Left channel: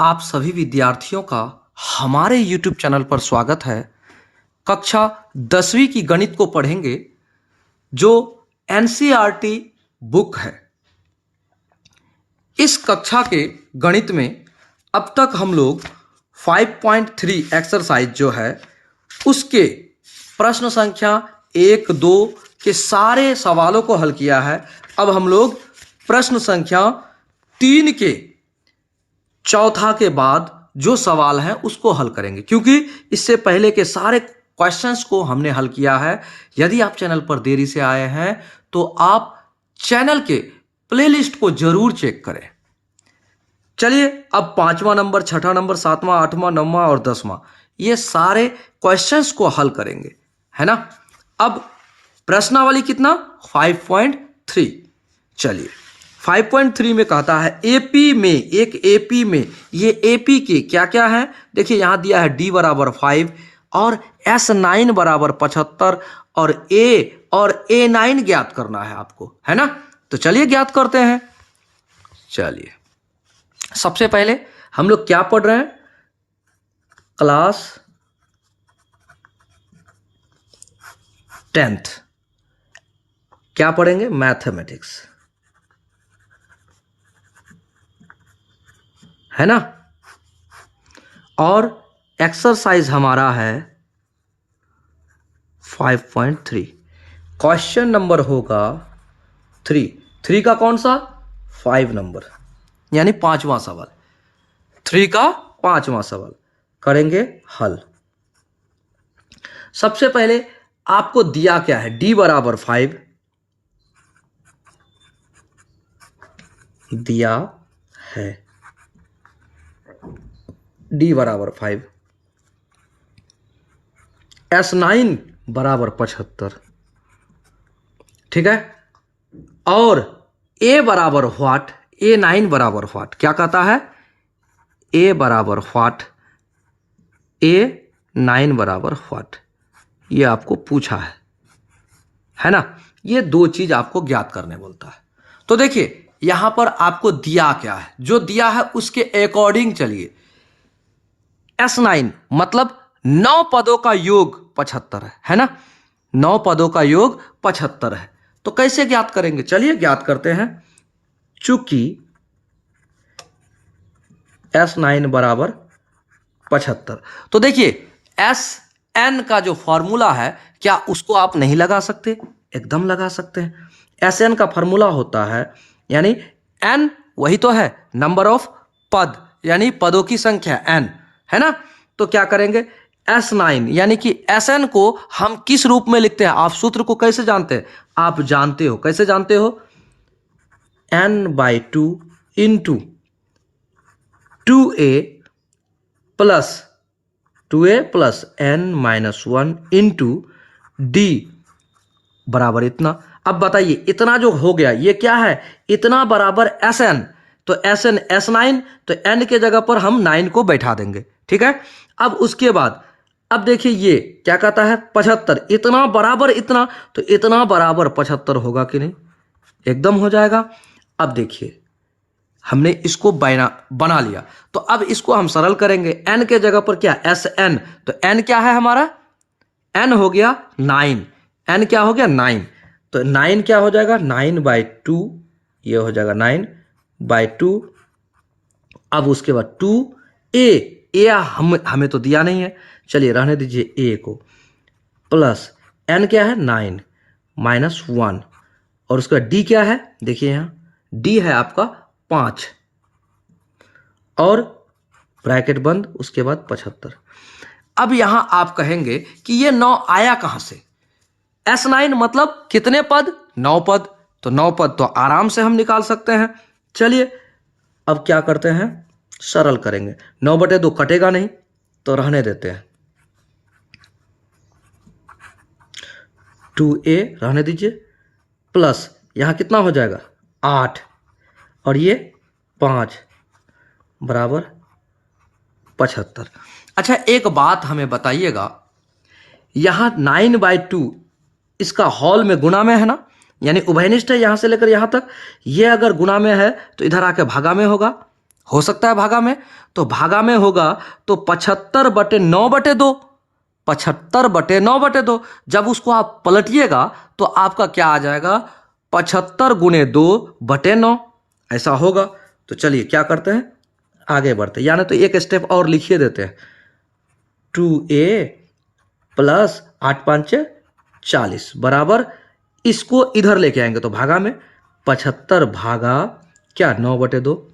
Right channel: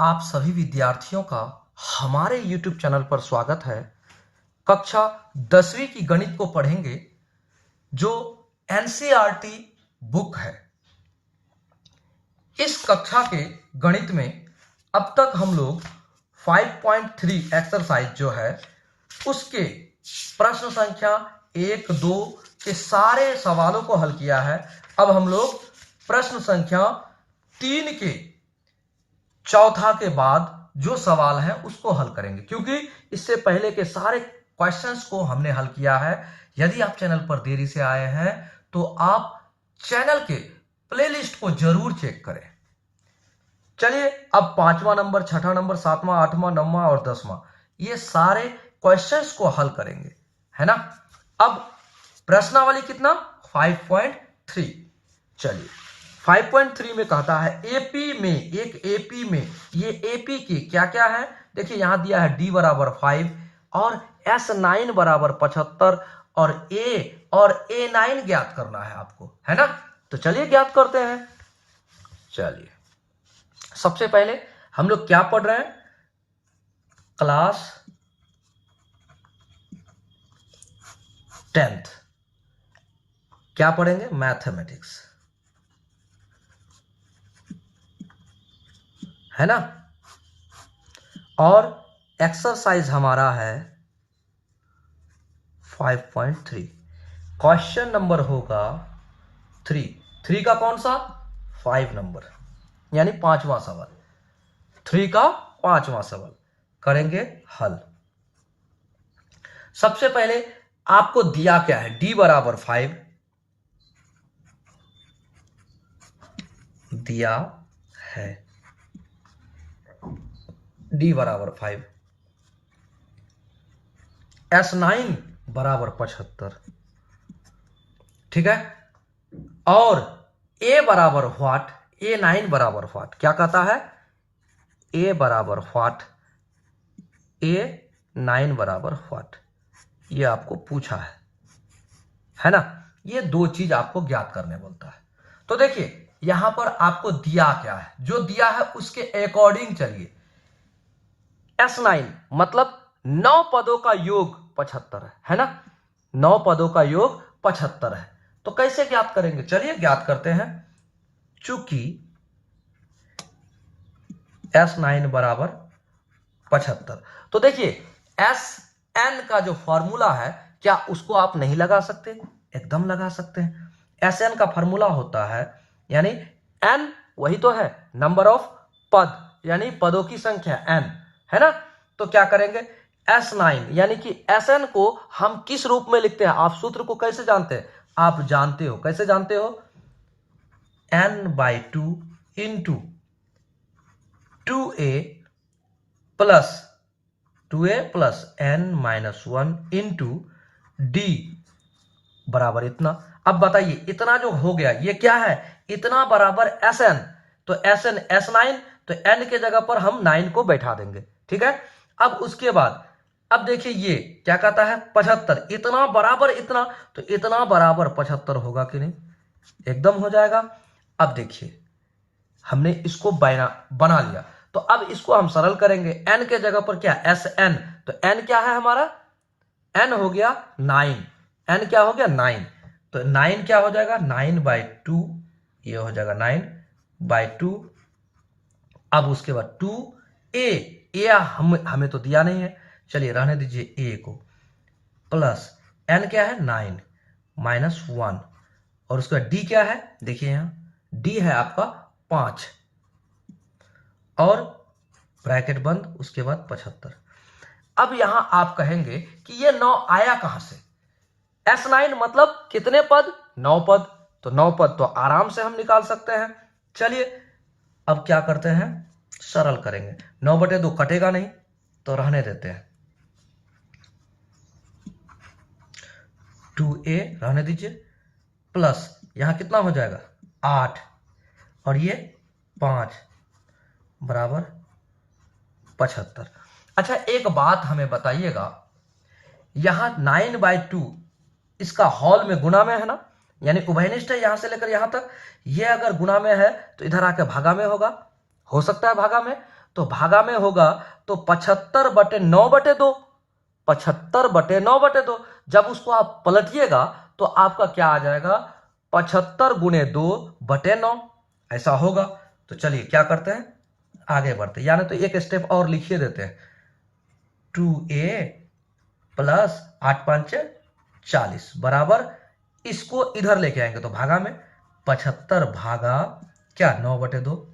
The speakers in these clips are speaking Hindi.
आप सभी विद्यार्थियों का हमारे YouTube चैनल पर स्वागत है। कक्षा 10वीं की गणित को पढ़ेंगे जो NCERT बुक है। इस कक्षा के गणित में अब तक हम लोग 5.3 एक्सरसाइज जो है उसके प्रश्न संख्या 1, 2 के सारे सवालों को हल किया है। अब हम लोग प्रश्न संख्या 3 के चौथा के बाद जो सवाल है उसको हल करेंगे, क्योंकि इससे पहले के सारे क्वेश्चंस को हमने हल किया है। यदि आप चैनल पर देरी से आए हैं तो आप चैनल के प्लेलिस्ट को जरूर चेक करें। चलिए अब 5वां नंबर, 6वां नंबर, 7वां, 8वां, 9वां और 10वां ये सारे क्वेश्चंस को हल करेंगे, है ना। अब प्रश्नावली कितना 5.3। चलिए 5.3 में कहता है एपी में, एक एपी में, ये एपी के क्या क्या है देखिए, यहां दिया है डी बराबर 5 और S9 बराबर 75 और A9 ज्ञात करना है आपको, है ना। तो चलिए ज्ञात करते हैं। चलिए सबसे पहले हम लोग क्या पढ़ रहे हैं, क्लास 10th क्या पढ़ेंगे, मैथमेटिक्स, है ना। और एक्सरसाइज हमारा है 5.3। क्वेश्चन नंबर होगा 3 का कौन सा 5 नंबर, यानी 5वां सवाल। 3 का 5वां सवाल करेंगे हल। सबसे पहले आपको दिया क्या है, डी बराबर 5 दिया है, डी बराबर 5, S9 बराबर 75, ठीक है। और A बराबर व्हाट, A9 बराबर व्हाट, क्या कहता है A बराबर व्हाट, A9 बराबर व्हाट, ये आपको पूछा है ना। ये दो चीज आपको ज्ञात करने बोलता है। तो देखिए यहां पर आपको दिया क्या है, जो दिया है उसके अकॉर्डिंग चलिए। S9 मतलब 9 पदों का योग 75 है ना, 9 पदों का योग 75 है। तो कैसे ज्ञात करेंगे, चलिए ज्ञात करते हैं। चूंकि S9 बराबर 75, तो देखिए Sn का जो फॉर्मूला है क्या उसको आप नहीं लगा सकते, एकदम लगा सकते हैं। Sn का फॉर्मूला होता है, यानी n वही तो है नंबर ऑफ पद, यानी पदों की संख्या n, है ना। तो क्या करेंगे S9 यानी कि Sn को हम किस रूप में लिखते हैं, आप सूत्र को कैसे जानते हैं, आप जानते हो, कैसे जानते हो, n/2 into 2a plus n-1 into d बराबर इतना। अब बताइए इतना जो हो गया ये क्या है, इतना बराबर Sn, तो Sn S9, तो n के जगह पर हम 9 को बैठा देंगे, ठीक है। अब उसके बाद अब देखिए ये क्या कहता है 75, इतना बराबर इतना, तो इतना बराबर 75 होगा कि नहीं, एकदम हो जाएगा। अब देखिए हमने इसको बना लिया, तो अब इसको हम सरल करेंगे। n के जगह पर क्या Sn, तो n क्या है हमारा, n हो गया 9, n क्या हो गया 9, तो 9 क्या हो जाएगा 9/2, ये हो जाएगा 9/2। अब उसके बाद 2a हमें तो दिया नहीं है, चलिए रहने दीजिए a को, प्लस n क्या है 9-1 और उसका d क्या है, देखिए यहाँ d है आपका 5 और ब्रैकेट बंद, उसके बाद 75। अब यहां आप कहेंगे कि ये 9 आया कहां से, S9 मतलब कितने पद, 9 पद, तो 9 पद तो आराम से हम निकाल सकते हैं। चलिए अब क्या करते हैं, सरल करेंगे। 9/2 कटेगा नहीं तो रहने देते हैं, 2a रहने दीजिए, प्लस यहां कितना हो जाएगा 8 और ये 5 बराबर 75। अच्छा एक बात हमें बताइएगा, यहां 9/2 इसका हॉल में गुणा में है ना, यानी उभयनिष्ठ है यहां से लेकर यहां तक, ये अगर गुणा में है तो इधर आके भागा में होगा, हो सकता है भागा में, तो भागा में होगा तो 75/9/2, 75/9/2। जब उसको आप पलटिएगा तो आपका क्या आ जाएगा, 75 गुणे 2/9 ऐसा होगा। तो चलिए क्या करते हैं, आगे बढ़ते हैं, यानी तो एक स्टेप और लिखिए देते हैं। 2a प्लस 8×5 = 40 बराबर, इसको इधर लेके आएंगे तो भागा में 75 भागा क्या 9/2।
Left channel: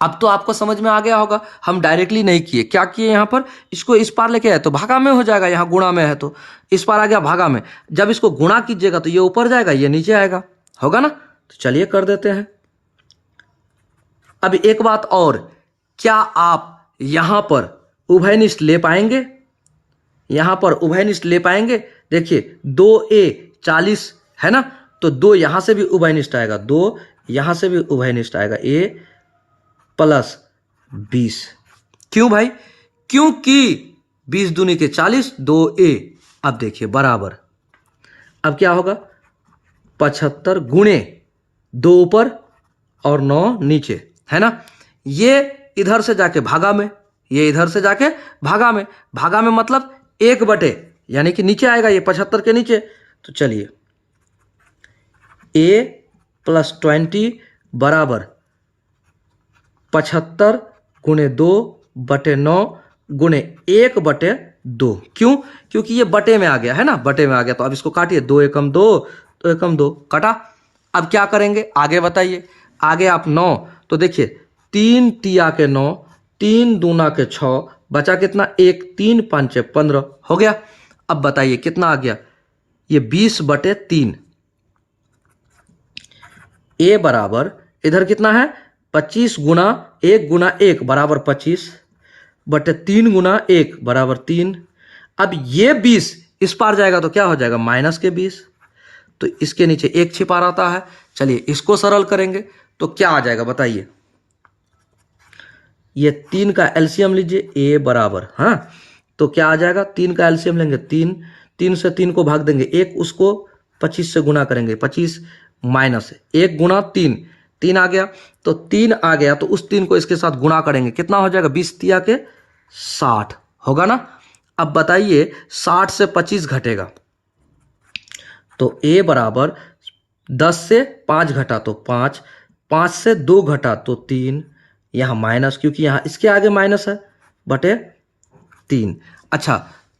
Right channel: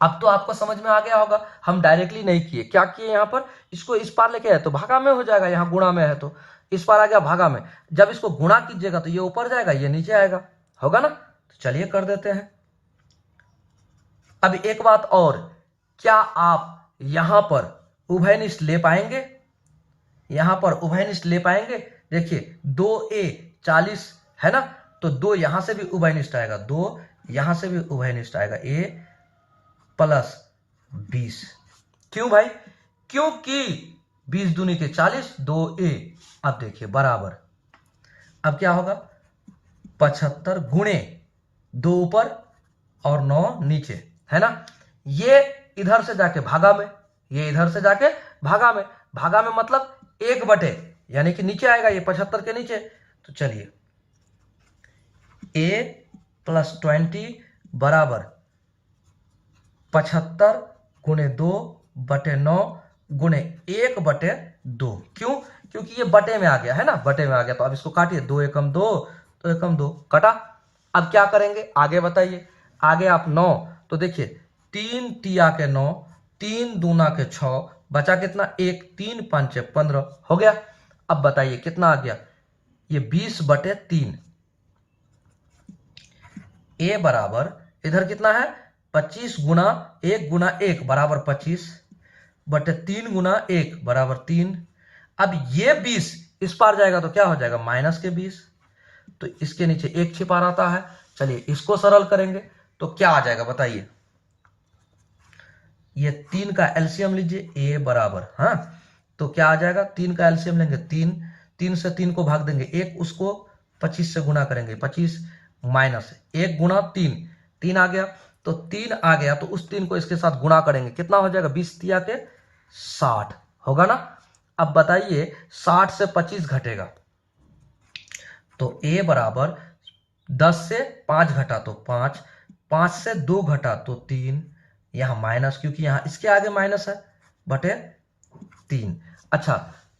अब तो आपको समझ में आ गया होगा, हम डायरेक्टली नहीं किए, क्या किए यहाँ पर, इसको इस पार लेके आए तो भागा में हो जाएगा, यहाँ गुणा में है तो इस पार आ गया भागा में। जब इसको गुणा कीजिएगा तो ये ऊपर जाएगा, ये नीचे आएगा, होगा ना। तो चलिए कर देते हैं। अब एक बात और, क्या आप यहां पर उभयनिष्ठ ले पाएंगे, यहां पर उभयनिष्ठ ले पाएंगे। देखिए 2a 40 है ना, तो 2 यहां से भी उभयनिष्ठ आएगा, 2 यहां से भी उभयनिष्ठ आएगा, a प्लस 20। क्यों भाई, क्योंकि 20 दूनी के 40, 2a। अब देखिए बराबर, अब क्या होगा, 75 गुणे 2 ऊपर और 9 नीचे, है ना। ये इधर से जाके भागा में, ये इधर से जाके भागा में, भागा में मतलब 1/, यानी कि नीचे आएगा ये 75 के नीचे। तो चलिए a प्लस 20 बराबर 75 गुणे 2/9 गुणे 1/2। क्यों, क्योंकि ये बटे में आ गया है ना, बटे में आ गया। तो अब इसको काटिए, 2 एकम 2, 2 एकम 2 कटा। अब क्या करेंगे आगे बताइए, आगे आप 9, तो देखिए 3 तिया के 9, 3 दूना के 6, बचा कितना 1, 3 5 15 हो गया। अब बताइए कितना आ गया, ये 20/3। ए बराबर इधर कितना है, 25 गुना 1 गुना 1 बराबर 25/3 गुना 1 बराबर 3। अब ये 20 इस पार जाएगा तो क्या हो जाएगा, -20। तो इसके नीचे 1 छिपा रहता है। चलिए इसको सरल करेंगे तो क्या आ जाएगा बताइए, ये 3 का एलसीएम लीजिए, a बराबर, हाँ तो क्या आ जाएगा, 3 का एलसीएम लेंगे 3, 3 से 3 को भाग देंगे 1, उसको 25 से गुना करेंगे, 25 माइनस 1 गुना 3, 3 आ गया। तो 3 आ गया तो उस 3 को इसके साथ गुणा करेंगे, कितना हो जाएगा, 20 तिया के 60 होगा ना। अब बताइए 60 से 25 घटेगा तो a बराबर 10 से 5 घटा तो 5, 5 से 2 घटा तो 3, यहाँ माइनस, क्योंकि यहाँ इसके आगे माइनस है, बटे 3। अच्छा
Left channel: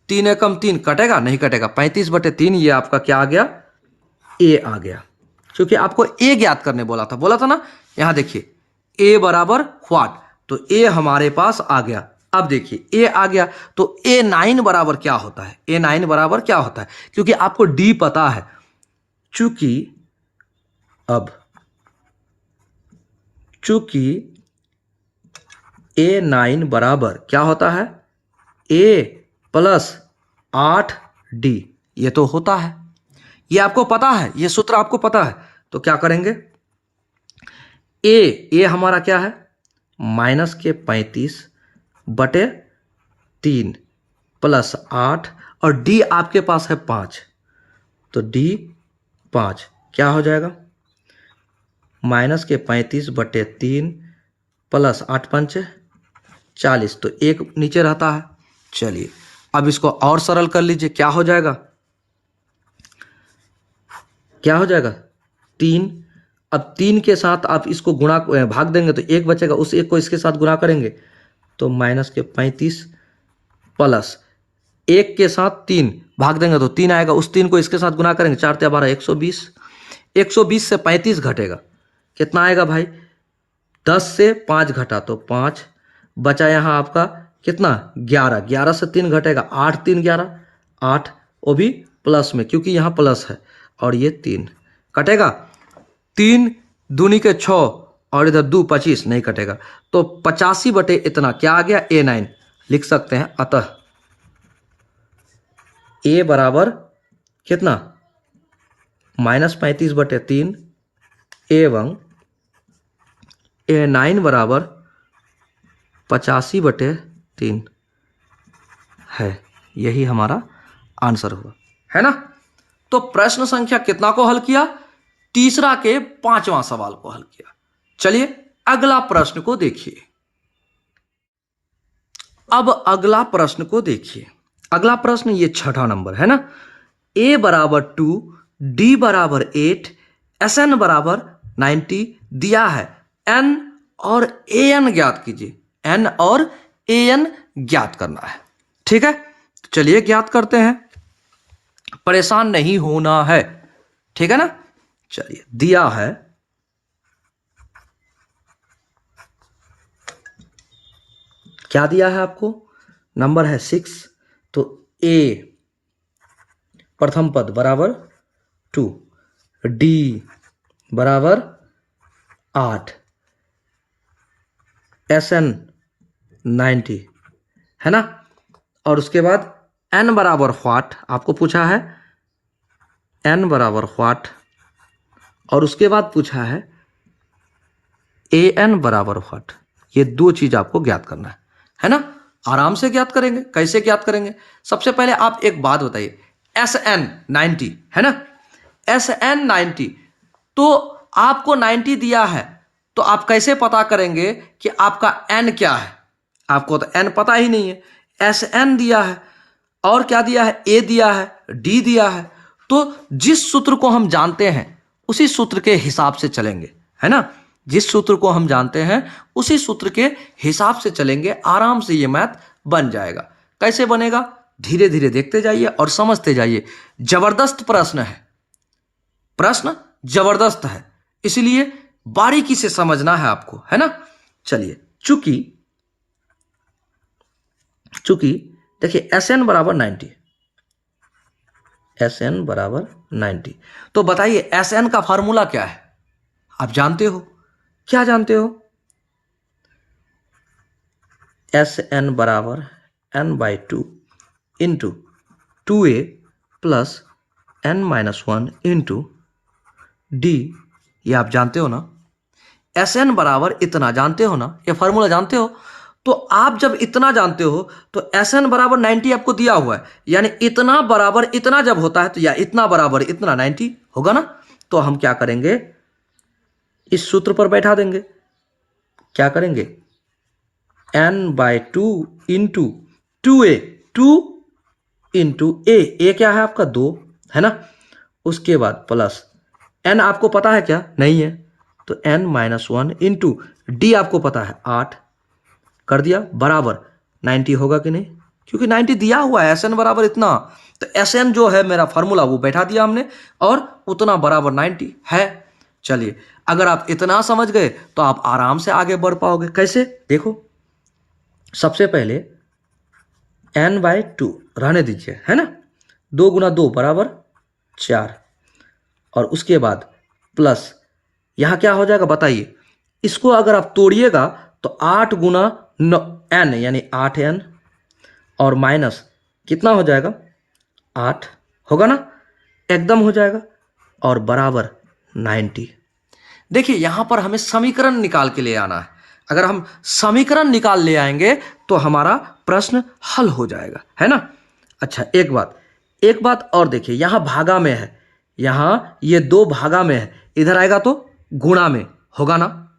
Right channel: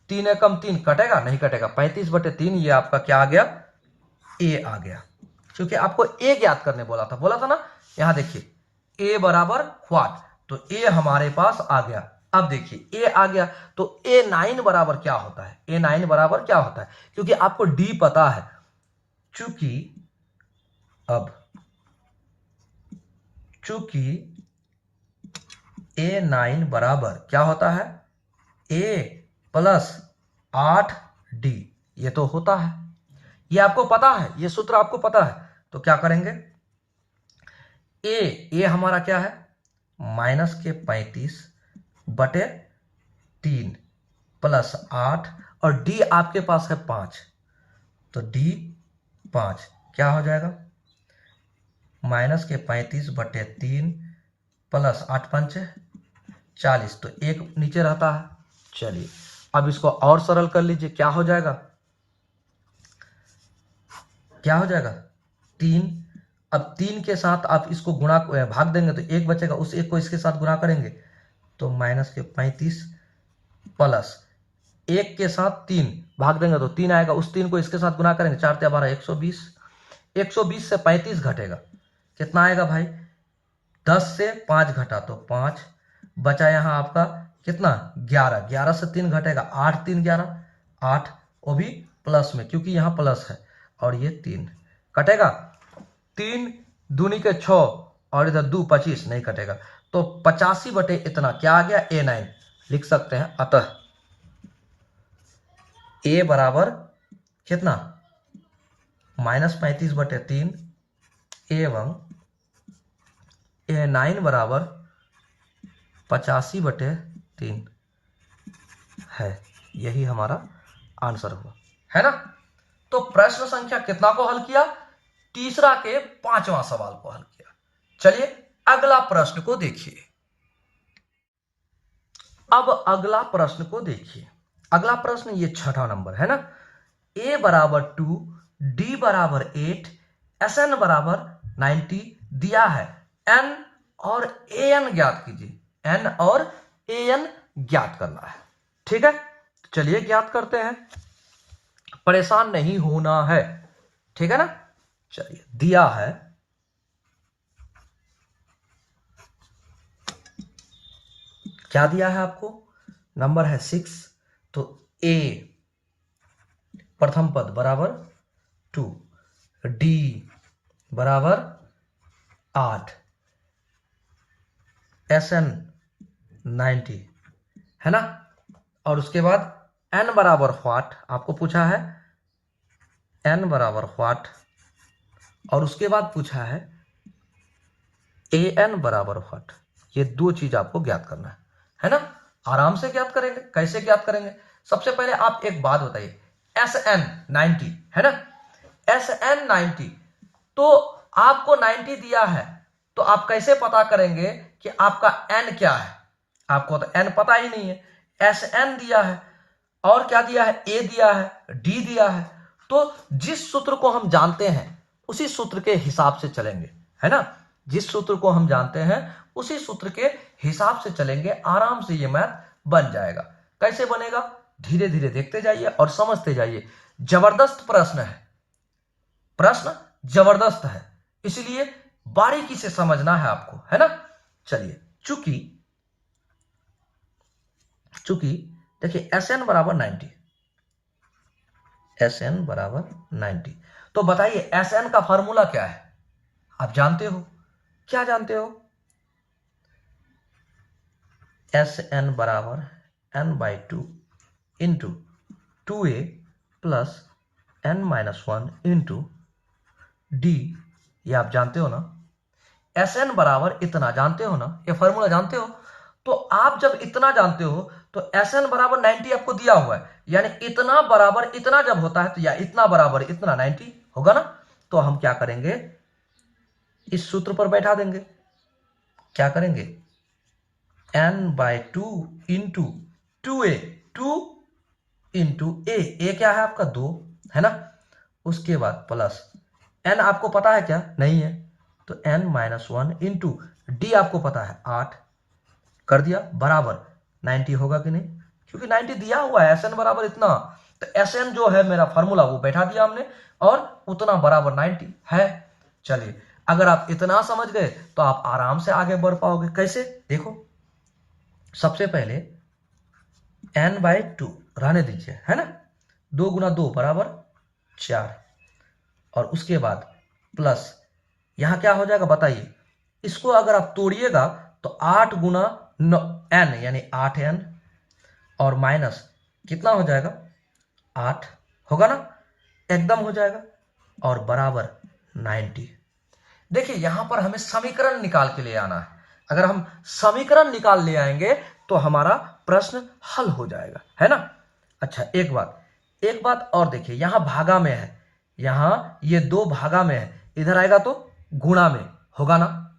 3 एकम 3 कटेगा, नहीं कटेगा, 35/3 ये आपका क्या आ गया, a आ गया। क्योंकि आपको a ज्ञात करने बोला था ना। यहाँ देखिए a बराबर व्हाट, तो a हमारे पास आ गया। अब देखिए a आ गया तो a9 बराबर क्या होता है, a9 बराबर क्या होता है, क्योंकि आपको d पता है। चूंकि a9 बराबर क्या होता है, a प्लस 8d, ये तो होता है, ये आपको पता है, ये सूत्र आपको पता है। तो क्या करेंगे, a हमारा क्या है, -35/3 प्लस 8 और d आपके पास है 5, तो d 5 क्या हो जाएगा, -35/3 प्लस 8×5 = 40, तो 1 नीचे रहता है। चलिए अब इसको और सरल कर लीजिए, क्या हो जाएगा, 3। अब 3 के साथ आप इसको गुणा भाग देंगे तो 1 बचेगा, उस 1 को इसके साथ गुणा करेंगे तो -35 प्लस 1 के साथ 3 भाग देंगे तो 3 आएगा, उस 3 को इसके साथ गुणा करेंगे, 4 × 12 120, 120 से 35 घटेगा, कितना आएगा भाई, 10 से 5 घटा तो 5, बचा यहाँ आपका कितना 11, 11 से 3 घटेगा, 8 3 11 8, वो भी प्लस में क्योंकि यहाँ प्लस है, और ये 3 कटेगा, 3 दूनी के 6 और इधर 2 25 नहीं कटेगा, तो 85 इतना क्या आ गया, a9 लिख सकते हैं। अतः a बराबर कितना, -35/3 एवं a9 बराबर 85/3 है, यही हमारा आंसर हुआ, है ना। तो प्रश्न संख्या कितना को हल किया, तीसरा के 5वां सवाल को हल किया। चलिए अगला प्रश्न को देखिए। अब अगला प्रश्न को देखिए। अगला प्रश्न ये 6ठा नंबर है ना। a बराबर 2, d बराबर 8, Sn बराबर 90 दिया है। n और an ज्ञात कीजिए। n और an ज्ञात करना है। ठीक है, चलिए ज्ञात करते हैं, परेशान नहीं होना है। ठीक है ना। चलिए, दिया है क्या दिया है आपको, नंबर है 6, तो a प्रथम पद बराबर 2, d बराबर 8, Sn 90 है ना। और उसके बाद n बराबर व्हाट आपको पूछा है, n बराबर व्हाट, और उसके बाद पूछा है an बराबर व्हाट। ये दो चीज आपको ज्ञात करना है ना। आराम से ज्ञात करेंगे। कैसे ज्ञात करेंगे, सबसे पहले आप एक बात बताइए, Sn 90 है ना, Sn 90, तो आपको 90 दिया है, तो आप कैसे पता करेंगे कि आपका n क्या है। आपको तो n पता ही नहीं है। Sn दिया है और क्या दिया है, a दिया है, d दिया है, तो जिस सूत्र को हम जानते हैं उसी सूत्र के हिसाब से चलेंगे, है ना। जिस सूत्र को हम जानते हैं उसी सूत्र के हिसाब से चलेंगे, आराम से ये मैथ बन जाएगा। कैसे बनेगा, धीरे धीरे देखते जाइए और समझते जाइए। जबरदस्त प्रश्न है, प्रश्न जबरदस्त है, इसलिए बारीकी से समझना है आपको, है ना। चलिए, चूंकि देखिए Sn बराबर 90, Sn बराबर 90, तो बताइए Sn का फॉर्मूला क्या है, आप जानते हो, क्या जानते हो। Sn बराबर n/2 into 2a plus n-1 into d, ये आप जानते हो ना। Sn बराबर इतना जानते हो ना, ये फॉर्मूला जानते हो। तो आप जब इतना जानते हो तो Sn बराबर 90 आपको दिया हुआ है, यानी इतना बराबर इतना जब होता है तो या इतना बराबर इतना 90 होगा ना। तो हम क्या करेंगे, इस सूत्र पर बैठा देंगे। क्या करेंगे, n/2 into 2a, 2 into a क्या है आपका 2, है ना। उसके बाद प्लस n आपको पता है क्या, नहीं है, तो n-1 इंटू d आपको पता है 8, कर दिया, बराबर 90 होगा कि नहीं, क्योंकि 90 दिया हुआ है, Sn बराबर इतना, तो Sn जो है मेरा फॉर्मूला वो बैठा दिया हमने, और उतना बराबर 90 है। चलिए, अगर आप इतना समझ गए तो आप आराम से आगे बढ़ पाओगे। कैसे, देखो, सबसे पहले n/2 रहने दीजिए, है ना, 2 गुना 2 बराबर 4, और उसके बाद प्लस यहां क्या हो जाएगा बताइए। इसको अगर आप तोड़िएगा तो 8 गुना n यानी 8n, और माइनस कितना हो जाएगा, 8 होगा ना, एकदम हो जाएगा, और बराबर 90। देखिए, यहां पर हमें समीकरण निकाल के ले आना है। अगर हम समीकरण निकाल ले आएंगे तो हमारा प्रश्न हल हो जाएगा, है ना। अच्छा, एक बात और देखिए, यहां भागा में है, यहां ये 2 भागा में है, इधर आएगा तो गुणा में होगा ना,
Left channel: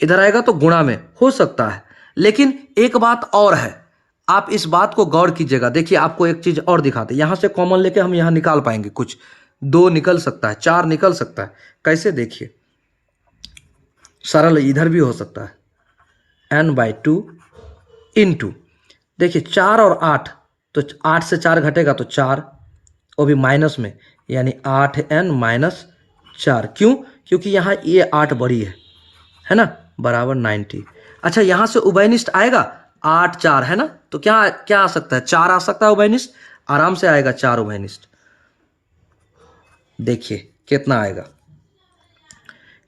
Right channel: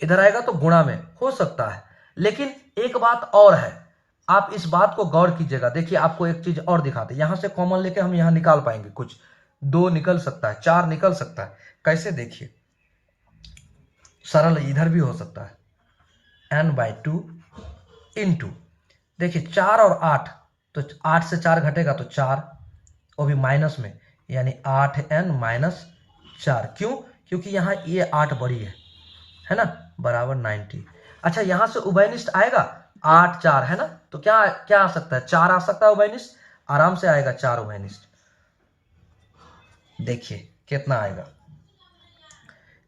इधर आएगा तो गुणा में हो सकता है। लेकिन एक बात और है, आप इस बात को गौर कीजिएगा। देखिए, आपको एक चीज और दिखाते, यहां से कॉमन लेके हम यहां निकाल पाएंगे, कुछ 2 निकल सकता है, 4 निकल सकता है। कैसे, देखिए, सरल इधर भी हो सकता है, n/2 इंटू, देखिए 4 और 8, तो 8 से 4 घटेगा तो 4, वो भी माइनस में, यानी 8n-4। क्यों, क्योंकि यहाँ ये 8 बड़ी है ना, बराबर 90। अच्छा, यहाँ से उभयनिष्ठ आएगा, 8 4 है ना, तो क्या क्या आ सकता है, 4 आ सकता है उभयनिष्ठ, आराम से आएगा 4 उभयनिष्ठ। देखिए कितना आएगा,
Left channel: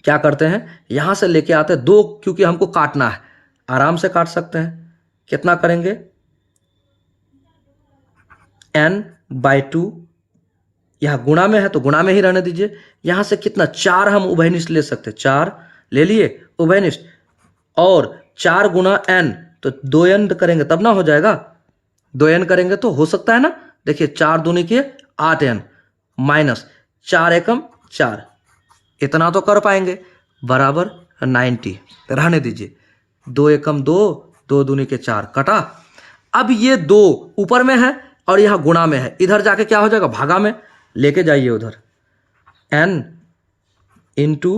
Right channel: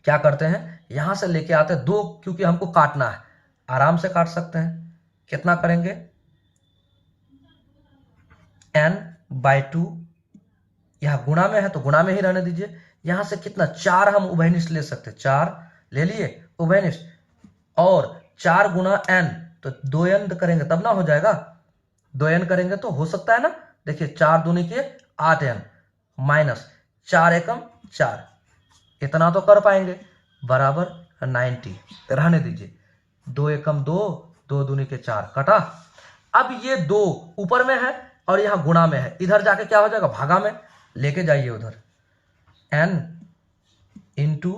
क्या करते हैं, यहां से लेके आते हैं 2, क्योंकि हमको काटना है, आराम से काट सकते हैं। कितना करेंगे, n/2, यहां गुणा में है तो गुणा में ही रहने दीजिए। यहां से कितना, 4 हम उभयनिष्ठ ले सकते हैं, 4 ले लिए उभयनिष्ठ, और 4 गुना n, तो 2n करेंगे तब ना हो जाएगा, 2n करेंगे तो हो सकता है ना। देखिए 4 दूनी के 8n, माइनस 4 एकम 4, इतना तो कर पाएंगे, बराबर 90, रहने दीजिए। 2 एकम 2, 2 दूनी के 4, कटा। अब ये 2 ऊपर में है और यहाँ गुणा में है, इधर जाके क्या हो जाएगा, भागा में लेके जाइए उधर। n इंटू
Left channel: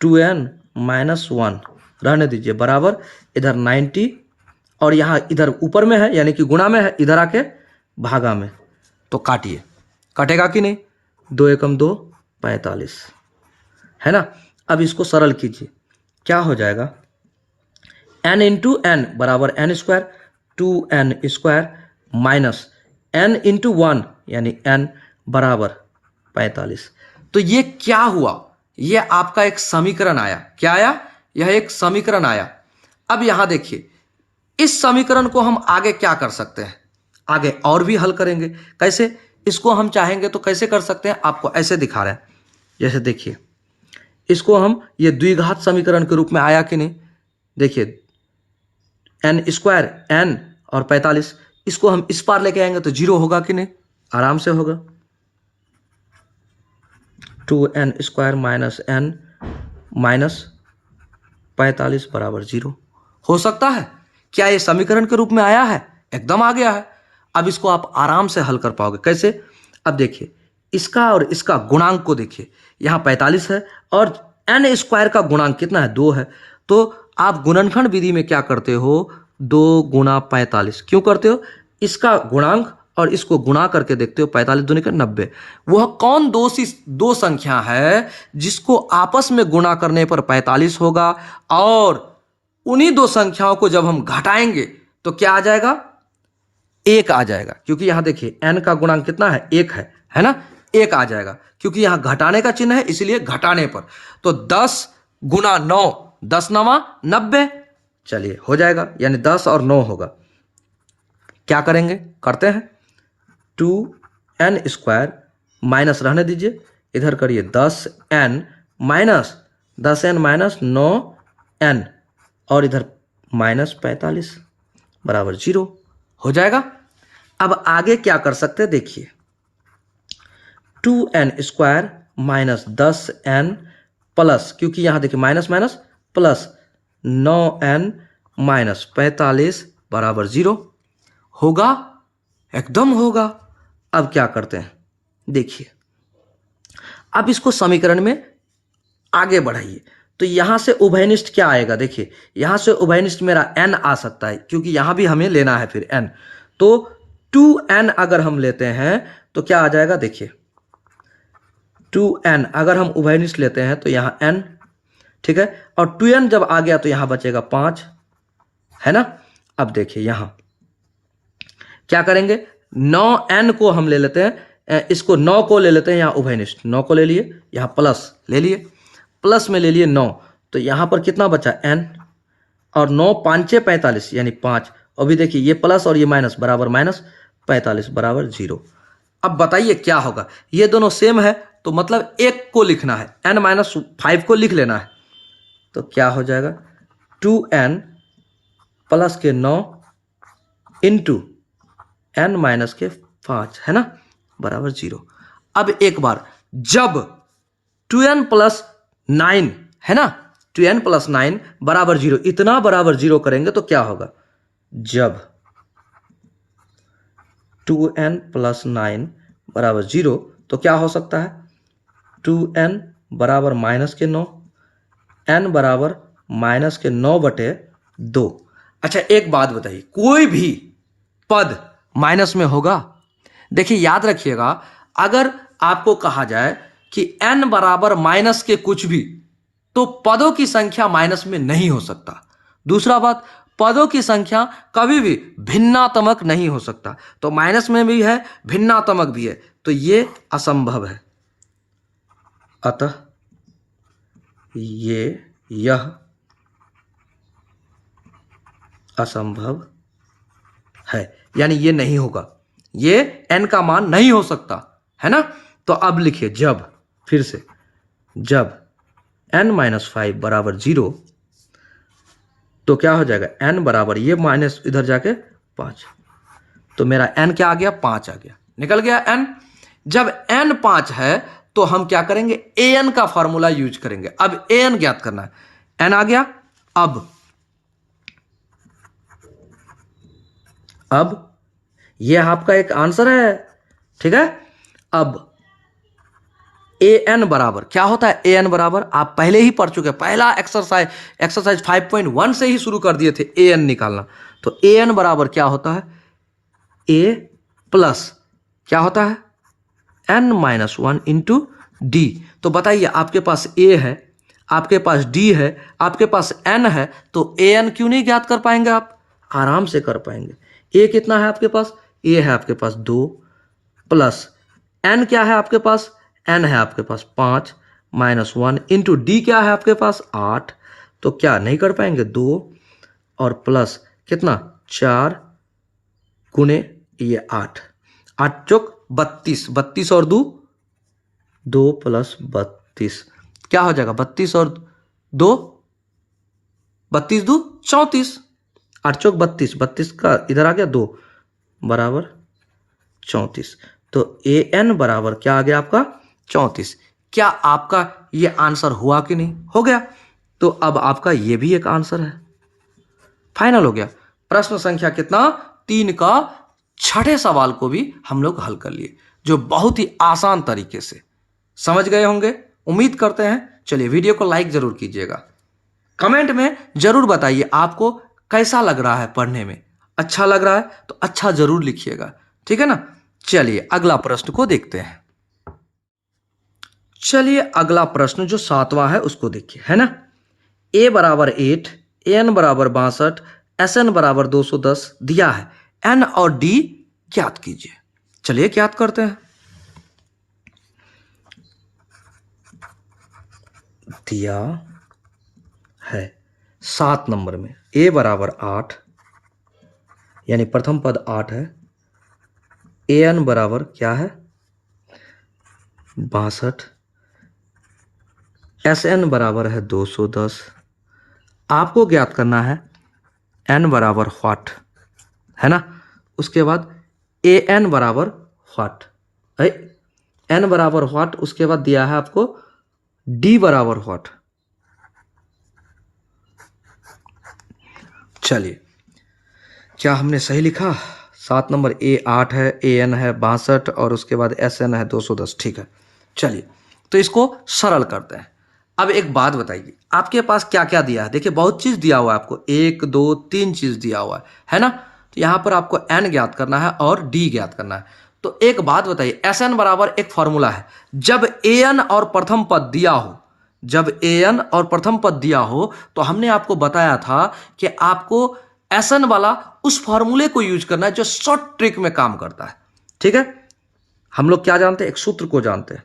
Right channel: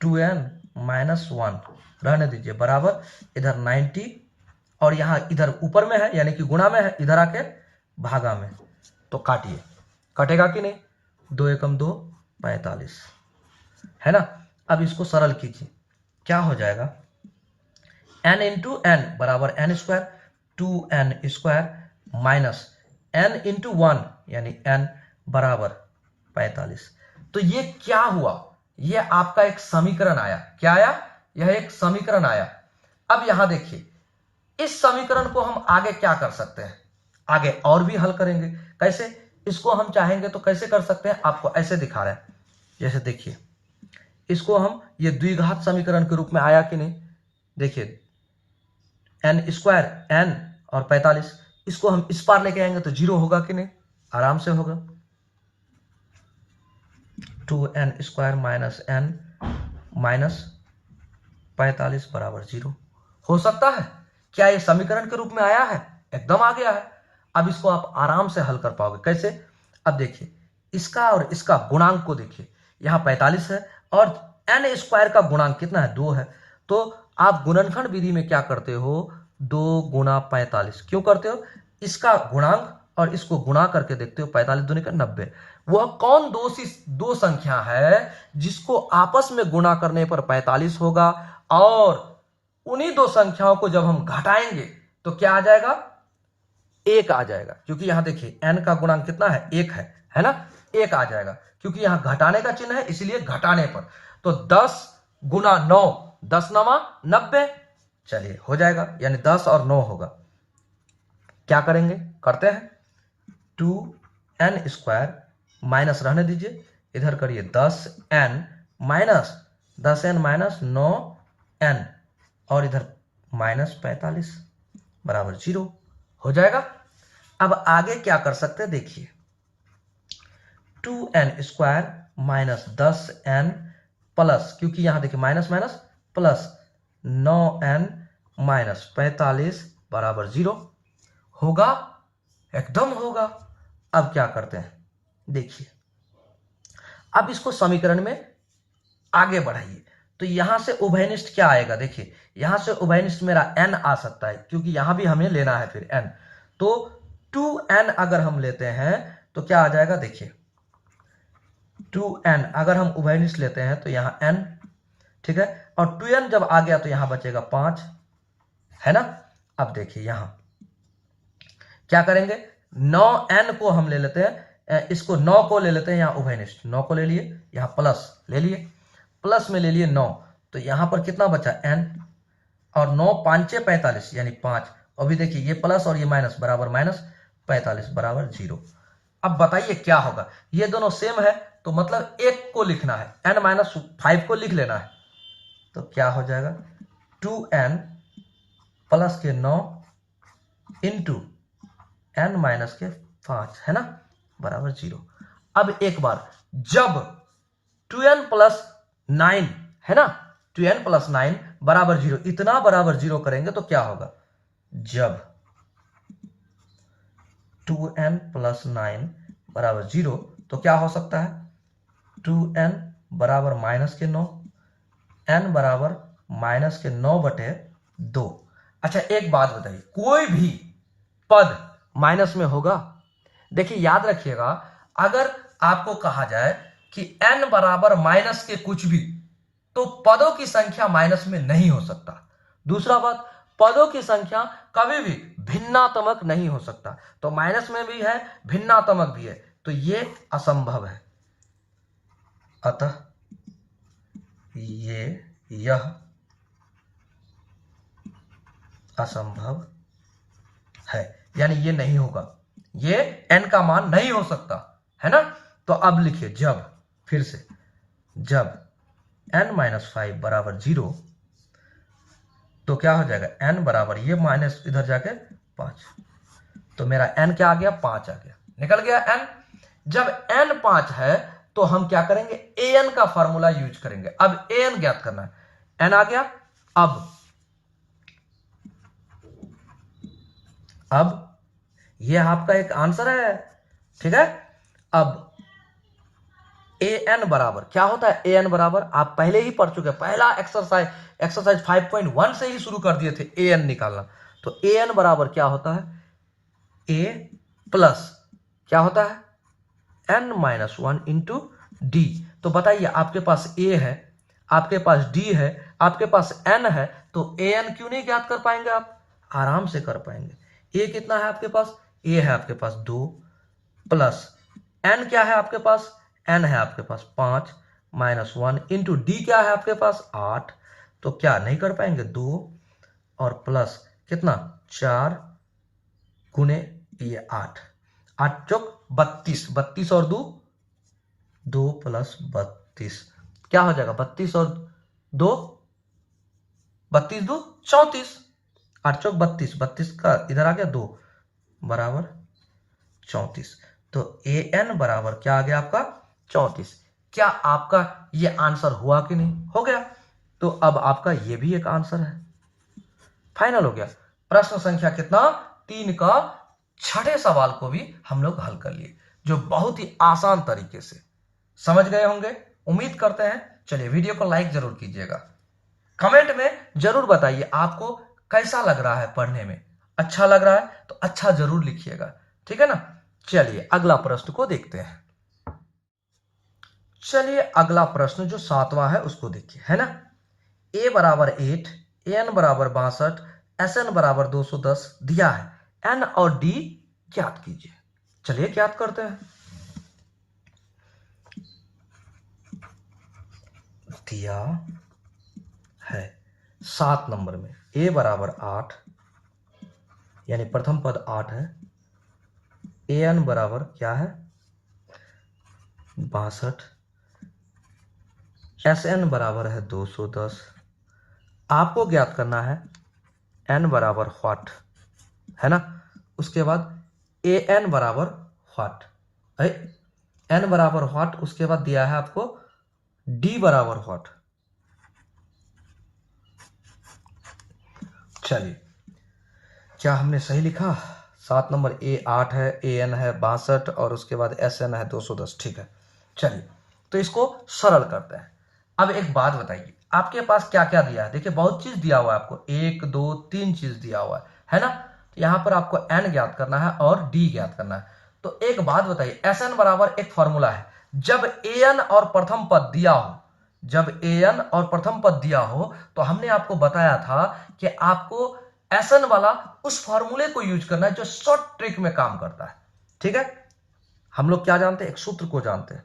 2n माइनस 1 रहने दीजिए, बराबर इधर 90 और यहाँ इधर ऊपर में है यानी कि गुणा में है, इधर आके भागा में। तो काटिए, कटेगा कि नहीं, 2 एकम 2, 45, है ना। अब इसको सरल कीजिए, क्या हो जाएगा, n इंटू एन बराबर n square, 2n square minus n into 1 यानी n बराबर 45। तो ये क्या हुआ, ये आपका एक समीकरण आया। क्या आया, यह एक समीकरण आया। अब यहां देखिए, इस समीकरण को हम आगे क्या कर सकते हैं, आगे और भी हल करेंगे। कैसे, इसको हम चाहेंगे तो कैसे कर सकते हैं, आपको ऐसे दिखा रहे हैं। जैसे देखिए, इसको हम ये द्विघात समीकरण के रूप में आया कि नहीं, देखिए n स्क्वायर n और 45, इसको हम इस पार लेके आएंगे तो 0 होगा कि नहीं, आराम से होगा। 2n square minus n minus 45 बराबर 0 हो सकता है। क्या ये समीकरण के रूप में आया है, एकदम आ गया है। अब इसको आप आराम से हल कर पाओगे। कैसे, अब देखिए, इसका और इसका गुणांक को देखिए, यहाँ 45 है और n स्क्वायर का गुणांक कितना है, 2 है। तो आप गुणनखंड विधि में क्या करते हो, 2 गुणा 45 क्यों करते हो, इसका गुणांक और इसको गुणा करके देखते हो, 45 दूनी का 90। वह कौन दो संख्या है जिसको आपस में गुणा करने पर 45 होगा, और उन्हीं दो संख्याओं को जब हम घटाएंगे तो क्या आ जाएगा, 1 आ जाएगा। क्योंकि यहां देखिए n का गुणांक कितना है, 1 है ना, 1 आ जाएगा। क्योंकि यहां घटाने का चिन्ह है, इसलिए घटाने पर तो 10 गुना 9, 10 9 90, चलिए हो जाएगा, यानी 10 और 9 होगा। क्या करेंगे, करते हैं, 2n स्क्वायर माइनस रहने दीजिए, इधर करिए 10n माइनस 9n और इधर माइनस 45 बराबर 0 हो जाएगा। अब आगे क्या कर सकते हैं, देखिए 2n square minus 10n plus, क्योंकि यहां देखिए minus minus plus 9n minus 45 बराबर 0 होगा, एकदम होगा। अब क्या करते हैं, देखिए, अब इसको समीकरण में आगे बढ़ाइए। तो यहां से उभयनिष्ठ क्या आएगा, देखिए यहां से उभयनिष्ठ मेरा n आ सकता है, क्योंकि यहां भी हमें लेना है फिर n। तो 2n अगर हम लेते हैं तो क्या आ जाएगा, देखिए 2n अगर हम उभयनिष्ठ लेते हैं तो यहां n, ठीक है, और 2n जब आ गया तो यहां बचेगा 5, है ना। अब देखिए यहां क्या करेंगे, 9n को हम ले लेते हैं, इसको 9 को ले लेते हैं, यहाँ उभयनिष्ठ 9 को ले लिए, यहाँ प्लस ले लिए, प्लस में ले लिए 9, तो यहाँ पर कितना बचा n, और 9 5 45 यानी 5, और भी देखिए ये प्लस और ये माइनस बराबर माइनस 45 बराबर 0। अब बताइए क्या होगा, ये दोनों सेम है तो मतलब एक को लिखना है, n माइनस 5 को लिख लेना है। तो क्या हो जाएगा, 2n प्लस के 9 इंटू n माइनस के 5, है ना, बराबर 0। अब एक बार जब 2n प्लस 9 है ना, 2n प्लस 9 बराबर 0, इतना बराबर 0 करेंगे तो क्या होगा, जब 2n प्लस 9 बराबर 0 तो क्या हो सकता है, 2n बराबर माइनस के 9, n बराबर माइनस के 9/2। अच्छा एक बात बताइए, कोई भी पद माइनस में होगा, देखिए याद रखिएगा, अगर आपको कहा जाए कि n बराबर माइनस के कुछ भी, तो पदों की संख्या माइनस में नहीं हो सकता। दूसरा बात, पदों की संख्या कभी भी भिन्नात्मक नहीं हो सकता, तो माइनस में भी है, भिन्नात्मक भी है, तो ये असंभव है। अतः यह असंभव है, यानी ये नहीं होगा, ये n का मान नहीं हो सकता, है ना। तो अब लिखिए, जब, फिर से, जब n माइनस 5 बराबर 0, तो क्या हो जाएगा, n बराबर ये माइनस इधर जाके 5, तो मेरा n क्या आ गया, 5 आ गया, निकल गया n। जब n 5 है तो हम क्या करेंगे, an का फॉर्मूला यूज करेंगे। अब an ज्ञात करना है, n आ गया। अब ये आपका एक आंसर है, ठीक है। अब ए एन बराबर क्या होता है, ए एन बराबर आप पहले ही पढ़ चुके हैं, पहला एक्सरसाइज 5.1 से ही शुरू कर दिए थे ए एन निकालना। तो ए एन बराबर क्या होता है, ए प्लस क्या होता है, N minus one into D. तो बताइए, आपके पास ए है, आपके पास डी है, आपके पास एन है, तो ए एन क्यों नहीं ज्ञात कर पाएंगे आप? आराम से कर पाएंगे। ए कितना है आपके पास, ए है आपके पास 2 प्लस एन क्या है आपके पास, एन है आपके पास 5 माइनस 1 इंटू डी क्या है आपके पास 8। तो क्या नहीं कर पाएंगे, 2 और प्लस कितना 4 गुने ये 8, 8 चौक 32, 32 और 2 प्लस 32 क्या हो जाएगा, 32 और 2 32 2 34, 8 चौक 32, 32 का इधर आ गया 2 बराबर 34। तो ए एन बराबर क्या आ गया आपका 34। क्या आपका ये आंसर हुआ कि नहीं, हो गया। तो अब आपका ये भी एक आंसर है, फाइनल हो गया। प्रश्न संख्या कितना 3 का छठे सवाल को भी हम लोग हल कर लिए, जो बहुत ही आसान तरीके से समझ गए होंगे, उम्मीद करते हैं। चलिए वीडियो को लाइक जरूर कीजिएगा, कमेंट में जरूर बताइए आपको कैसा लग रहा है पढ़ने में। अच्छा लग रहा है तो अच्छा जरूर लिखिएगा, ठीक है ना। चलिए अगला प्रश्न को देखते हैं। चलिए अगला प्रश्न जो 7वां है उसको देखिए, है ना। ए बराबर 8, ए एन बराबर 62, एस एन बराबर 210 दिया है, एन और डी ज्ञात कीजिए। चलिए ज्ञात करते हैं। दिया है 7 नंबर में ए बराबर 8, यानी प्रथम पद 8 है, ए एन बराबर क्या है 62, एस एन बराबर है 210। आपको ज्ञात करना है एन बराबर व्हाट, है ना। उसके बाद ए एन बराबर व्हाट, एन बराबर व्हाट, उसके बाद दिया है आपको डी बराबर व्हाट। चलिए क्या हमने सही लिखा, 7 नंबर ए 8 है, ए एन है 62 और उसके बाद एस एन है 210, ठीक है। चलिए तो इसको सरल करते हैं। अब एक बात बताइए, आपके पास क्या क्या दिया है, देखिए बहुत चीज दिया हुआ है आपको, 1 2 3 चीज दिया हुआ है ना। तो यहां पर आपको एन ज्ञात करना है और डी ज्ञात करना है। तो एक बात बताइए, एस एन बराबर एक फॉर्मूला है, जब ए एन और प्रथम पद दिया हो, जब ए एन और प्रथम पद दिया हो तो हमने आपको बताया था कि आपको एस एन वाला उस फॉर्मूले को यूज करना है जो शॉर्ट ट्रिक में काम करता है, ठीक है। हम लोग क्या जानते हैं, एक सूत्र को जानते हैं,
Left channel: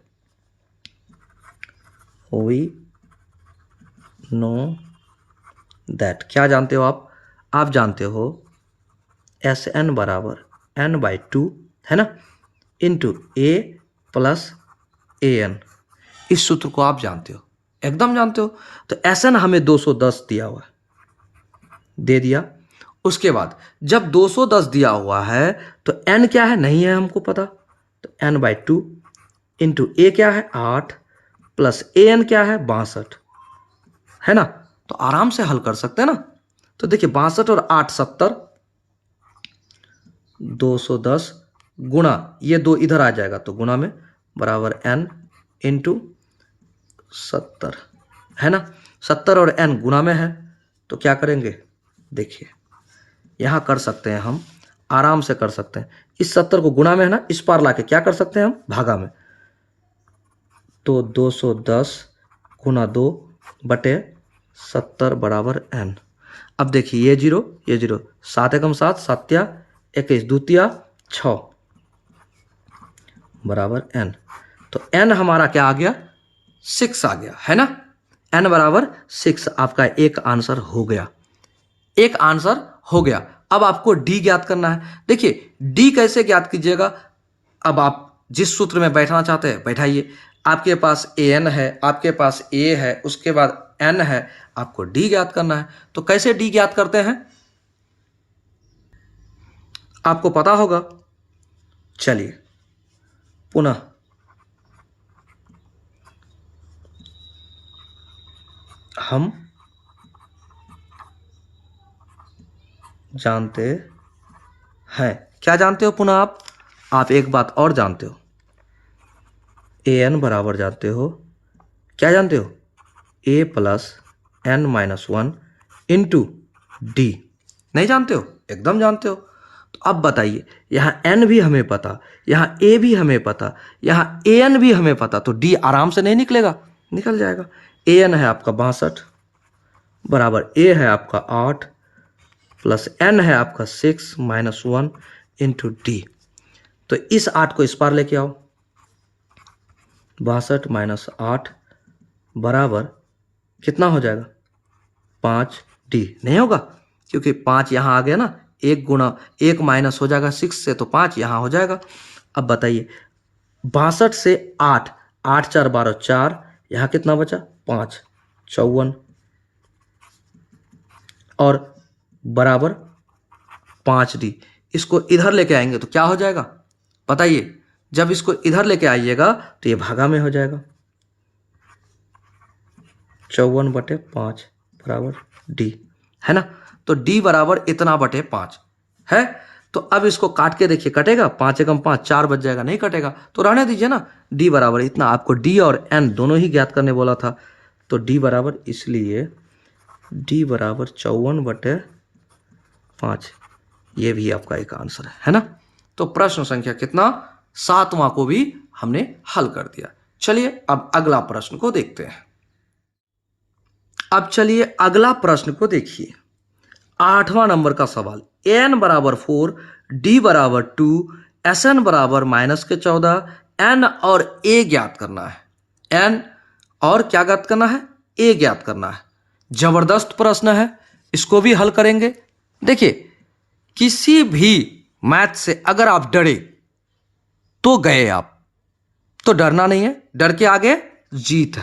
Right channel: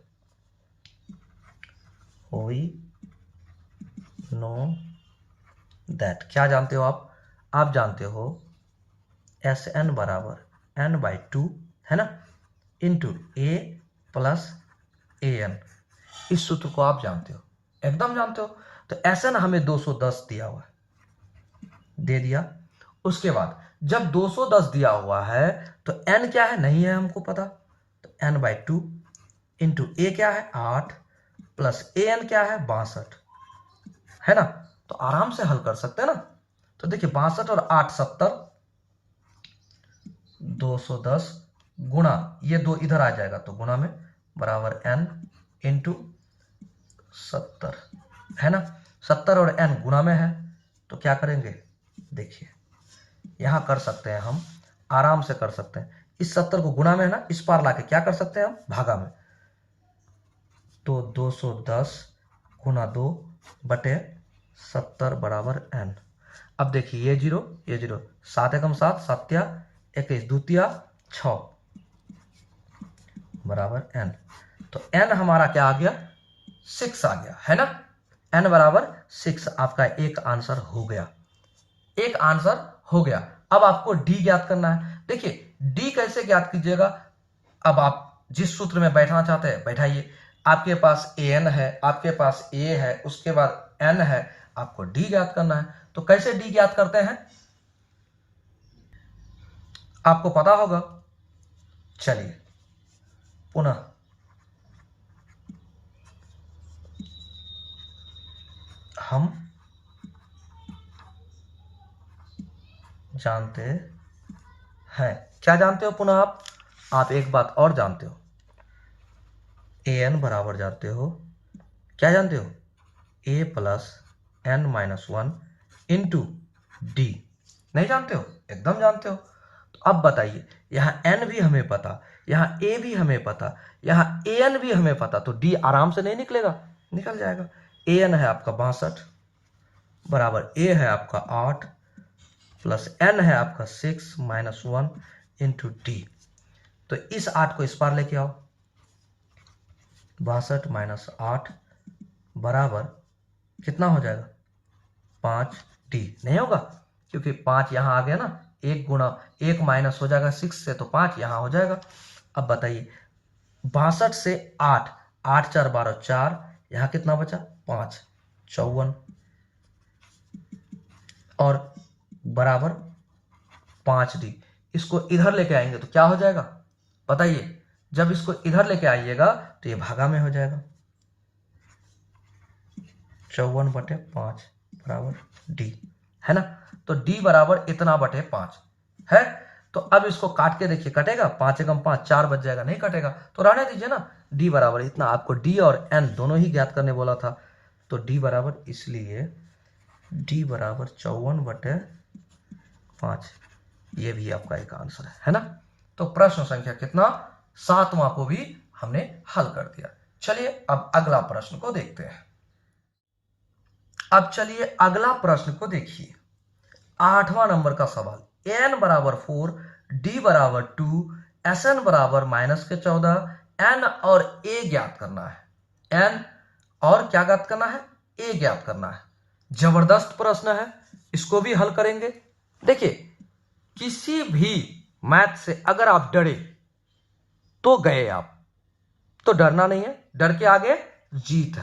वी नो दैट। क्या जानते हो आप जानते हो एस एन बराबर एन बाई 2, है ना, into A plus A N. इस सूत्र को आप जानते हो, एकदम जानते हो। तो एस एन हमें 210 दिया हुआ है, दे दिया। उसके बाद जब 210 दिया हुआ है तो n क्या है नहीं है हमको पता, तो n बाई 2 इंटू ए क्या है 8 प्लस ए एन क्या है 62, है ना। तो आराम से हल कर सकते हैं ना। तो देखिए 62 और 8 70, 210 गुणा ये 2 इधर आ जाएगा तो गुणा में बराबर n इंटू 70, है ना। 70 और n गुणा में है तो क्या करेंगे, देखिए यहां कर सकते हैं हम, आराम से कर सकते हैं। इस 70 को गुणा में है ना, इस पार लाके क्या कर सकते हैं हम, भागा में। तो 210 गुणा 2 बटे 70 बराबर n। अब देखिए ये जीरो 7 एकम 7, 7 21, दूतिया 6 बराबर n। तो n हमारा क्या आ गया 6 आ गया, है ना। n बराबर 6 आपका एक आंसर हो गया, एक आंसर हो गया। अब आपको डी ज्ञात करना है। देखिए डी कैसे ज्ञात कीजिएगा, अब आप जिस सूत्र में बैठना चाहते हैं बैठाइए। आपके पास ए एन है, आपके पास ए है, उसके बाद एन है, आपको डी ज्ञात करना है। तो कैसे डी ज्ञात करते हैं आपको पता होगा। चलिए पुनः हम जानते हैं। क्या जानते हो पुनः आप एक बात और जानते हो, ए एन बराबर जानते हो, क्या जानते हो, A plus N minus one into D. नहीं जानते हो? एकदम जानते हो। तो अब बताइए, यहाँ एन भी हमें पता, यहाँ ए भी हमें पता, यहाँ ए एन भी हमें पता, तो डी आराम से नहीं निकलेगा? निकल जाएगा। ए एन है आपका 62 बराबर ए है आपका 8 प्लस एन है आपका 6 माइनस 1 इंटू डी। तो इस 8 को इस पार लेके आओ, 62 माइनस 8 बराबर कितना हो जाएगा, 5 डी। नहीं होगा, क्योंकि 5 यहाँ आ गया ना, 1 गुणा 1 माइनस हो जाएगा 6 से, तो 5 यहाँ हो जाएगा। अब बताइए 62 से 8, 8 4 12 4, यहाँ कितना बचा, 5 54 और बराबर 5 डी। इसको इधर लेके आएंगे तो क्या हो जाएगा बताइए, जब इसको इधर लेके आइएगा तो ये भागा में हो जाएगा, 54/5 बराबर डी, है ना। तो डी बराबर इतना बटे 5 है। तो अब इसको काट के देखिए, कटेगा, 5 एकम 5, 4 बच जाएगा, नहीं कटेगा, तो रहने दीजिए ना। डी बराबर इतना, आपको डी और एन दोनों ही ज्ञात करने बोला था, तो डी बराबर, इसलिए डी बराबर 54/5, ये भी आपका एक आंसर है ना। तो प्रश्न संख्या कितना, 7वां को भी हमने हल कर दिया। चलिए अब अगला प्रश्न को देखते हैं। अब चलिए अगला प्रश्न को देखिए, 8वां नंबर का सवाल। एन बराबर 4, डी बराबर 2, एस एन बराबर -14, एन और ए ज्ञात करना है। एन और क्या ज्ञात करना है, ए ज्ञात करना है। जबरदस्त प्रश्न है, इसको भी हल करेंगे। देखिए, किसी भी मैथ से अगर आप डरे तो गए आप, तो डरना नहीं है, डर के आगे जीत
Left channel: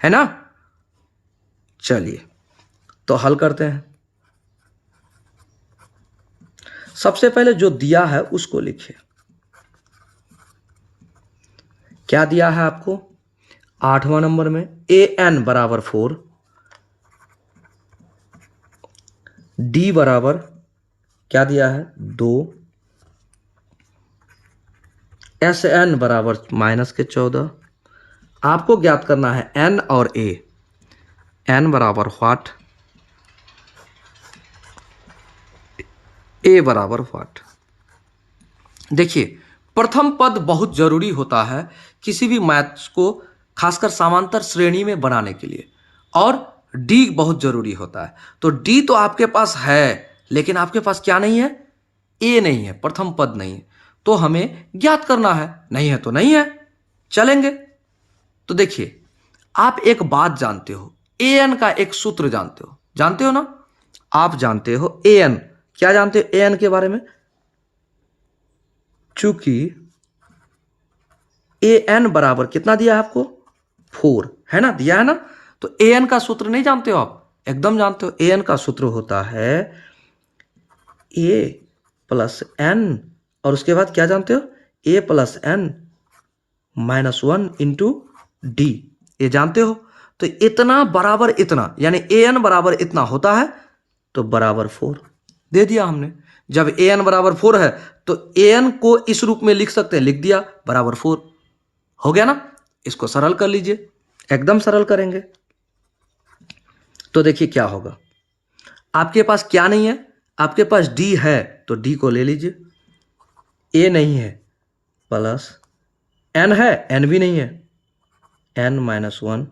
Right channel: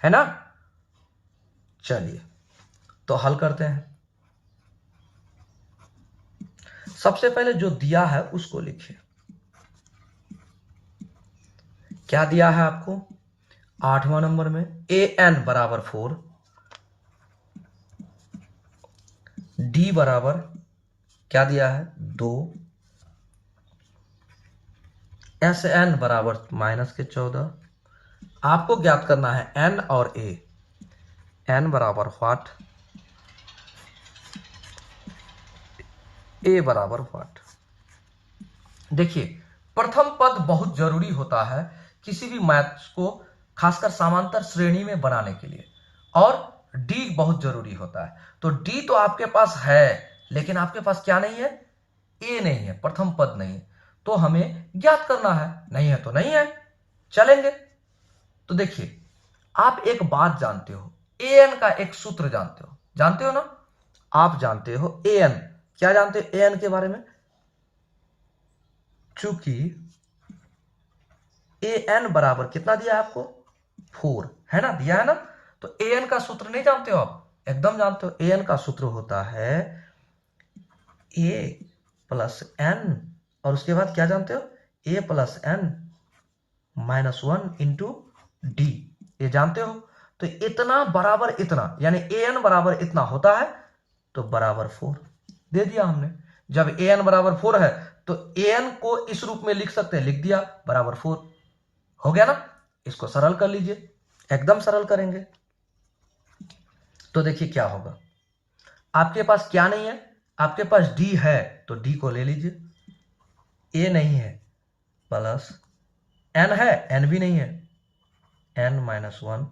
है ना। चलिए तो हल करते हैं। सबसे पहले जो दिया है उसको लिखिए। क्या दिया है आपको 8वां नंबर में, ए एन बराबर 4, डी बराबर क्या दिया है 2, एस एन बराबर -14। आपको ज्ञात करना है एन और ए। एन बराबर व्हाट, ए बराबर व्हाट। देखिए, प्रथम पद बहुत जरूरी होता है किसी भी मैथ्स को, खासकर समांतर श्रेणी में बनाने के लिए, और डी बहुत जरूरी होता है। तो डी तो आपके पास है, लेकिन आपके पास क्या नहीं है, ए नहीं है, प्रथम पद नहीं है, तो हमें ज्ञात करना है। नहीं है तो नहीं है, चलेंगे। तो देखिए, आप एक बात जानते हो, ए एन का एक सूत्र जानते हो ना, आप जानते हो ए एन, क्या जानते हो ए एन के बारे में, चूंकि ए एन बराबर कितना दिया आपको 4, है ना, दिया है ना। तो ए एन का सूत्र नहीं जानते हो आप, एकदम जानते हो। ए एन का सूत्र होता है ए प्लस एन, और उसके बाद क्या जानते हो, A plus N -1 into D, ये जानते हो। तो इतना बराबर इतना, यानी ए एन बराबर इतना होता है, तो बराबर 4 दे दिया हमने। जब ए एन बराबर 4 है तो ए एन को इस रूप में लिख सकते हैं, लिख दिया, बराबर 4 हो गया ना। इसको सरल कर लीजिए, एकदम सरल करेंगे तो देखिए क्या होगा। आपके पास क्या नहीं है, आपके पास डी है, तो डी को ले लीजिए, ए नहीं है, प्लस एन है, एन भी नहीं है, एन -1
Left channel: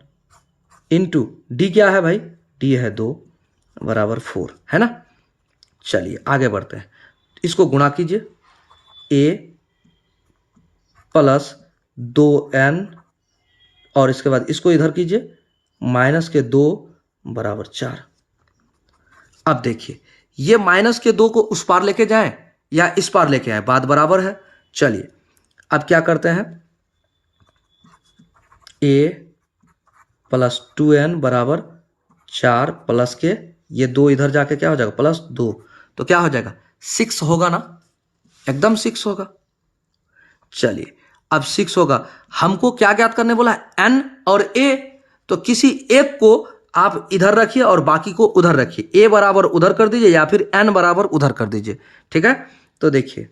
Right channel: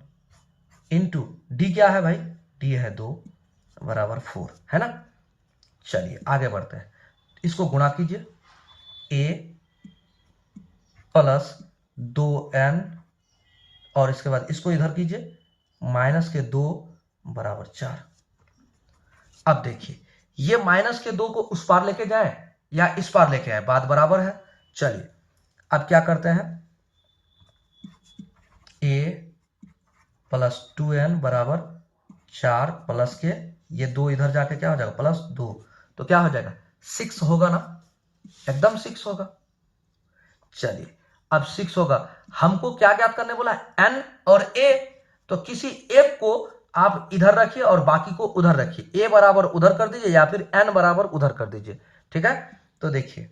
इंटू डी, क्या है भाई, डी है 2 बराबर 4, है ना। चलिए आगे बढ़ते हैं, इसको गुणा कीजिए, ए प्लस 2n, और इसके बाद इसको इधर कीजिए, -2 बराबर 4। अब देखिए, ये -2 को उस पार लेके जाएं या इस पार लेके आए, बात बराबर है। चलिए अब क्या करते हैं, a प्लस 2n बराबर 4 प्लस के ये 2 इधर जाके क्या हो जाएगा, +2, तो क्या हो जाएगा 6 होगा ना, एकदम 6 होगा। चलिए अब 6 होगा, हमको क्या ज्ञात करने बोला, n और a, तो किसी एक को आप इधर रखिए और बाकी को उधर रखिए, a बराबर उधर कर दीजिए या फिर n बराबर उधर कर दीजिए, ठीक है। तो देखिए,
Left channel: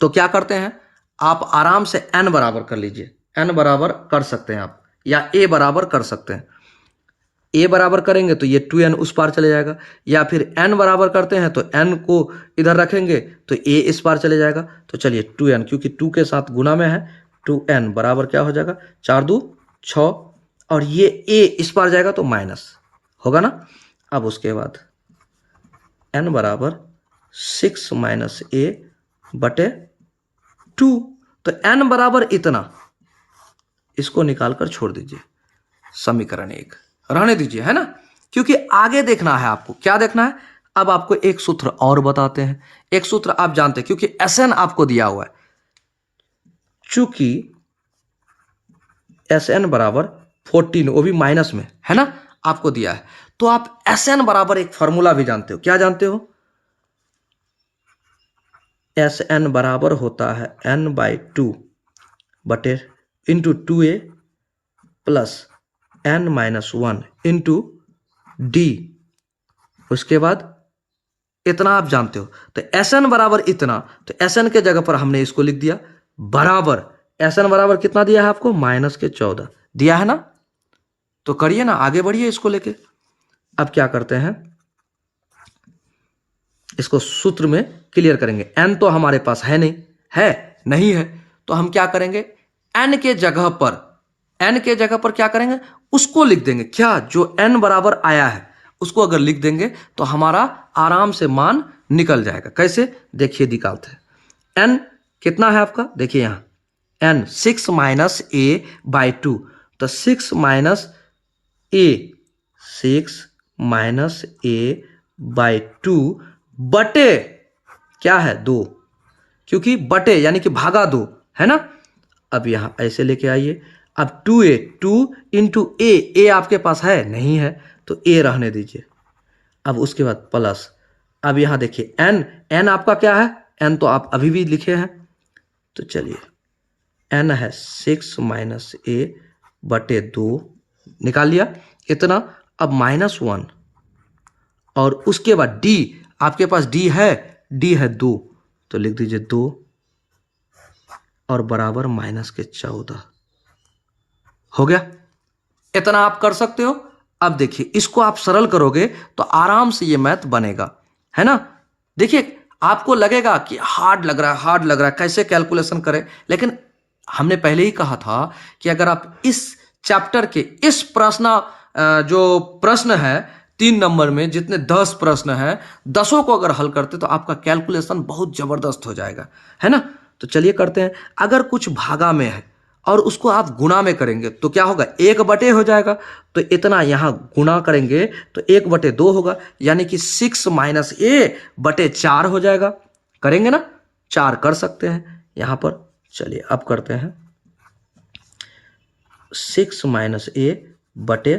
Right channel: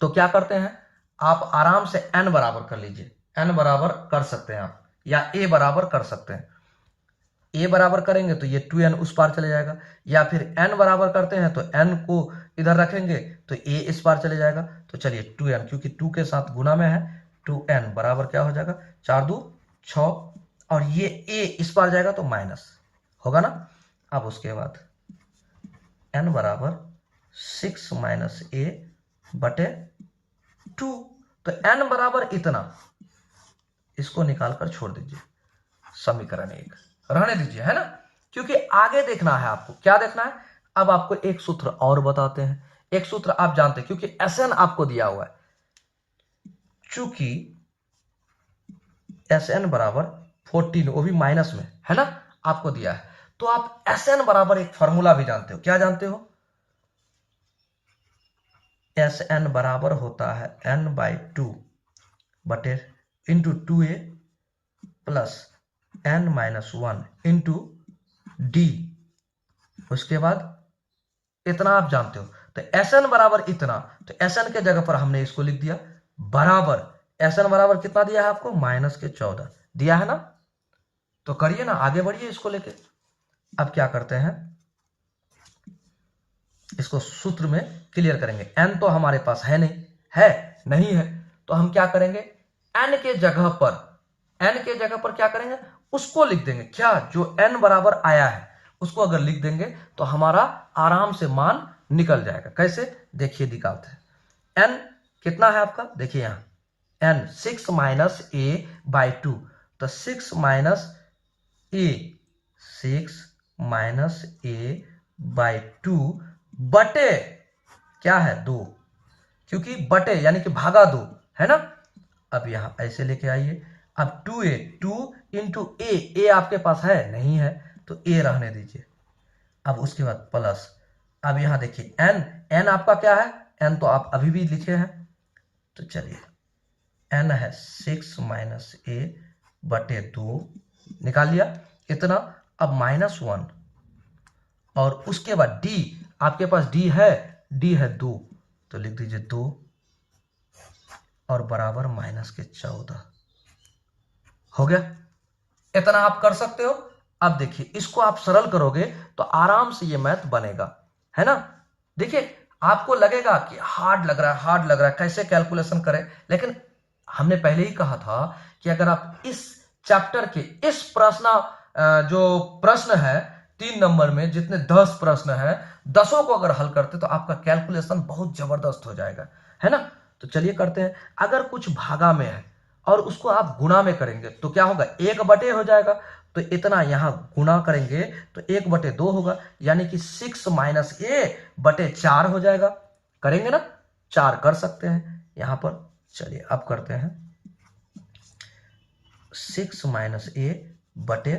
तो क्या करते हैं, आप आराम से n बराबर कर लीजिए, n बराबर कर सकते हैं आप, या a बराबर कर सकते हैं। a बराबर करेंगे तो ये 2n उस पार चले जाएगा, या फिर n बराबर करते हैं तो n को इधर रखेंगे तो a इस पार चले जाएगा। तो चलिए 2n, क्योंकि 2 के साथ गुना में है, 2n बराबर क्या हो जाएगा, 4 2 6, और ये a इस पार जाएगा तो माइनस होगा ना। अब उसके बाद n बराबर 6 माइनस a बटे 2, तो n बराबर इतना, इसको निकालकर छोड़ दीजिए, समीकरण 1 रहने दीजिए, है ना, क्योंकि आगे देखना है आपको। क्या देखना है, अब आपको एक सूत्र और बताते हैं। एक सूत्र आप जानते हैं, क्योंकि Sn आपको दिया हुआ है, चूंकि Sn बराबर 14, वो भी माइनस में, है ना, आपको दिया है, तो आप Sn बराबर एक फॉर्मूला भी जानते हो। क्या जानते हो, Sn बराबर होता है n/2 बटे into 2a plus n-1 into D. उसके बाद इतना आप जानते हो, तो Sn बराबर इतना, तो Sn के जगह पर हमने इसको लिख दिया बराबर, Sn बराबर कितना दिया है आपको, -14 दिया है ना। तो करिए ना, आगे बढ़िए इसको लेके। अब क्या करते हैं, इसको सूत्र में क्लियर करेंगे। n तो हमारे पास है नहीं है, तो हम क्या करेंगे, n के जगह पर क्या करेंगे, उसको लिख देंगे। क्या, जो n बराबर आया है उसको अगर लिख देंगे तो हमारा आराम से मान निकल जाएगा। कैसे, देखिए दिखाते हैं। n कितना है आपका, देखिए यहां n 6 माइनस a/2, तो 6 माइनस a/2 बटे क्या है, 2, क्योंकि बटे यानी कि भागा 2, है ना। अब यहां ऐसे लेके आइए। अब 2a, 2 इंटू a आपके पास है नहीं है, तो a रहने दीजिए। अब उसके बाद प्लस, अब यहां देखिए n आपका क्या है, n तो आप अभी भी लिखे हैं, तो चलिए n है 6 माइनस a बटे 2, निकाल लिया इतना। अब -1, और उसके बाद d, आपके पास d है 2, तो लिख दीजिए 2 और बराबर -14 हो गया। इतना आप कर सकते हो। अब देखिए, इसको आप सरल करोगे तो आराम से ये मैथ बनेगा, है ना। देखिए, आपको लगेगा कि हार्ड लग रहा है, कैसे कैलकुलेशन करें, लेकिन हमने पहले ही कहा था कि अगर आप इस चैप्टर के इस जो प्रश्न है 3 नंबर में, जितने 10 प्रश्न हैं, 10 को अगर हल करते तो आपका कैलकुलेशन बहुत जबरदस्त हो जाएगा, है ना। तो चलिए करते हैं। अगर कुछ भागा में है और उसको आप गुणा में करेंगे तो क्या होगा, 1 बटे हो जाएगा, तो इतना यहां गुणा करेंगे तो 1 बटे 2 होगा, यानी कि 6 माइनस a बटे 4 हो जाएगा। करेंगे ना, 4 कर सकते हैं यहां पर। चलिए अब करते हैं, 6 माइनस a बटे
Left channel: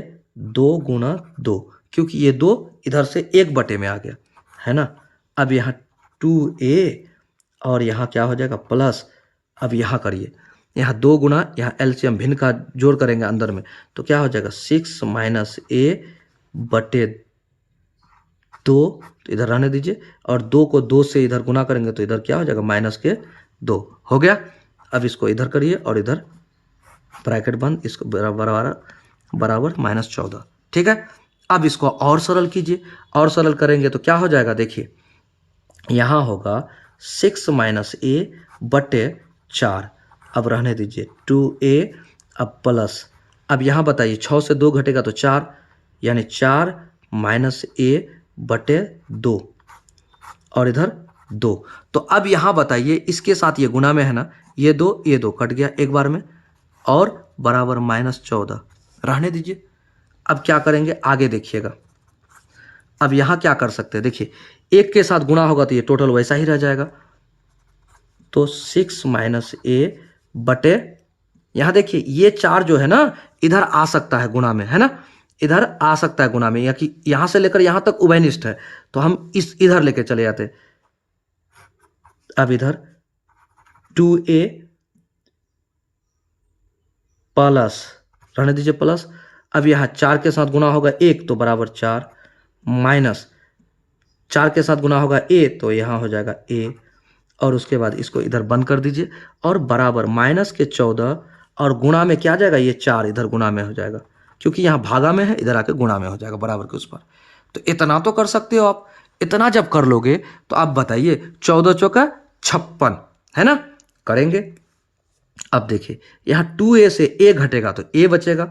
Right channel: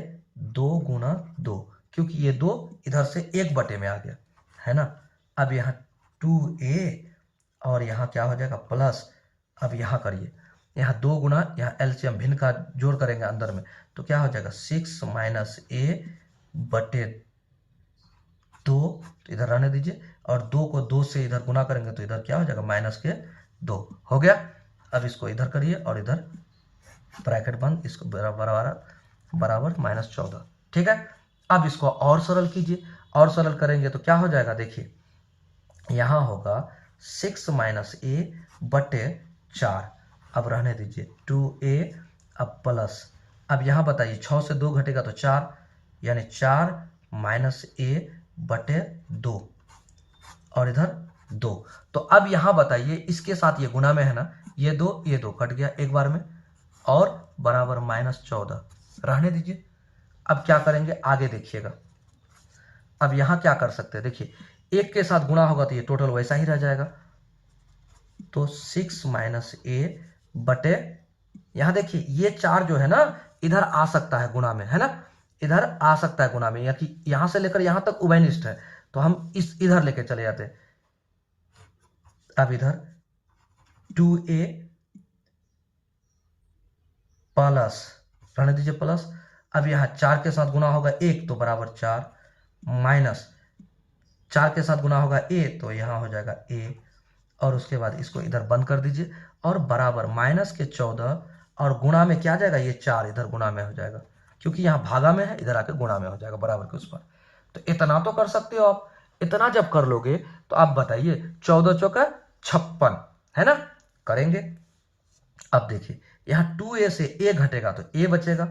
2 गुणा 2, क्योंकि ये 2 इधर से 1 बटे में आ गया, है ना। अब यहाँ 2a और यहाँ क्या हो जाएगा प्लस, अब यहाँ करिए, यहाँ 2 गुणा, यहाँ एलसीएम भिन्न का जोड़ करेंगे अंदर में, तो क्या हो जाएगा 6 माइनस a बटे 2, तो इधर रहने दीजिए, और 2 को 2 से इधर गुना करेंगे तो इधर क्या हो जाएगा -2 हो गया। अब इसको इधर करिए और इधर ब्रैकेट बंद, इसको बराबर -14, ठीक है। अब इसको और सरल कीजिए, और सरल करेंगे तो क्या हो जाएगा, देखिए यहां होगा 6 माइनस a बटे 4, अब रहने दीजिए 2a, अब प्लस, अब यहां बताइए 6 से 2 घटेगा तो 4, यानी 4 माइनस a बटे 2, और इधर 2, तो अब यहां बताइए, इसके साथ ये गुना में है ना, ये 2 कट गया एक बार में, और बराबर -14 रहने दीजिए। अब क्या करेंगे, आगे देखिएगा। अब यहां क्या कर सकते हैं, देखिए 1 के साथ गुणा होगा तो ये टोटल वैसा ही रह जाएगा, तो 6 माइनस a बटे, यहां देखिए ये 4 जो है ना इधर आ सकता है गुणा में, है ना, इधर आ सकता है गुणा में, या कि यहां से लेकर यहां तक उभयनिष्ठ है, तो हम इधर लेके चले जाते। अब इधर 2a प्लस, रहने दीजिए प्लस, अब यहाँ 4 के साथ गुना होगा 1 तो बराबर 4, माइनस 4 के साथ गुना होगा a तो यहाँ हो जाएगा a, और उसके बाद इसको इधर बंद कर दीजिए और बराबर माइनस के 14 और गुणा में क्या आ जाएगा, ये 4 इधर गुणा में हो जाएगा, क्योंकि यहाँ भागा में है, इधर आके गुणा में हो जाएगा बराबर के उस पर। तो इतना तो कर सकते हो आप। इतना जब कर लोगे तो आप बताइए 14 चौका 56 है ना, करेंगे। अब देखिए यहाँ 2a से a घटेगा तो a बचेगा,